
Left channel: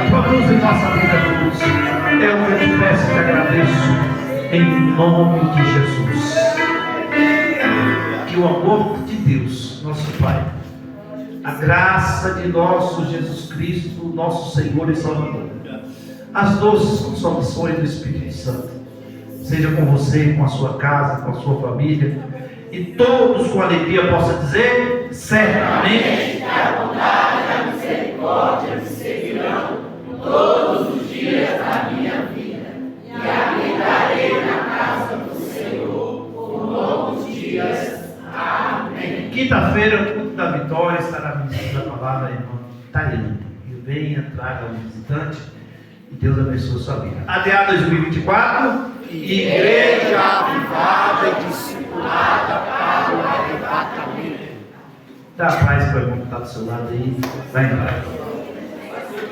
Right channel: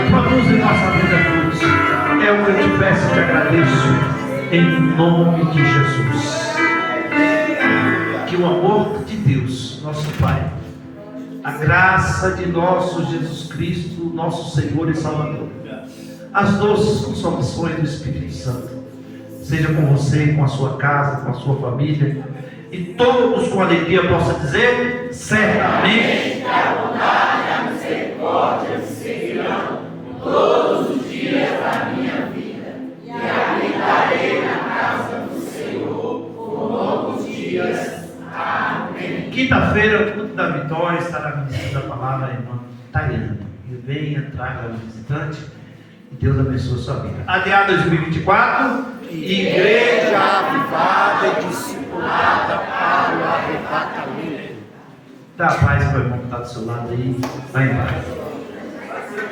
produz em nossa vida cruz. É o que eu te peço e te agradeço, em nome de Jesus. Que o amor de Deus, nosso Pai, a graça de nosso Jesus Cristo, nosso Senhor e Salvador, as doces consolações do Espírito Santo, seja com você, com a sua casa, com a sua família, e todos com alegria possam dizer: certamente a bondade e a misericórdia me seguirão todos os dias da minha vida, e habitarei na casa do Senhor por longos dias. Amém. Quinta-feira, o culto da vitória, estará ministrando a palavra a irmã Tayane. E venha, traga um visitante, e Deus abençoe a sua vida. ADA 2024, Igreja Avivada e Discipulada para o Arrebatamento. Dá paz para o irmão que está do seu lado aí. Vai em paz.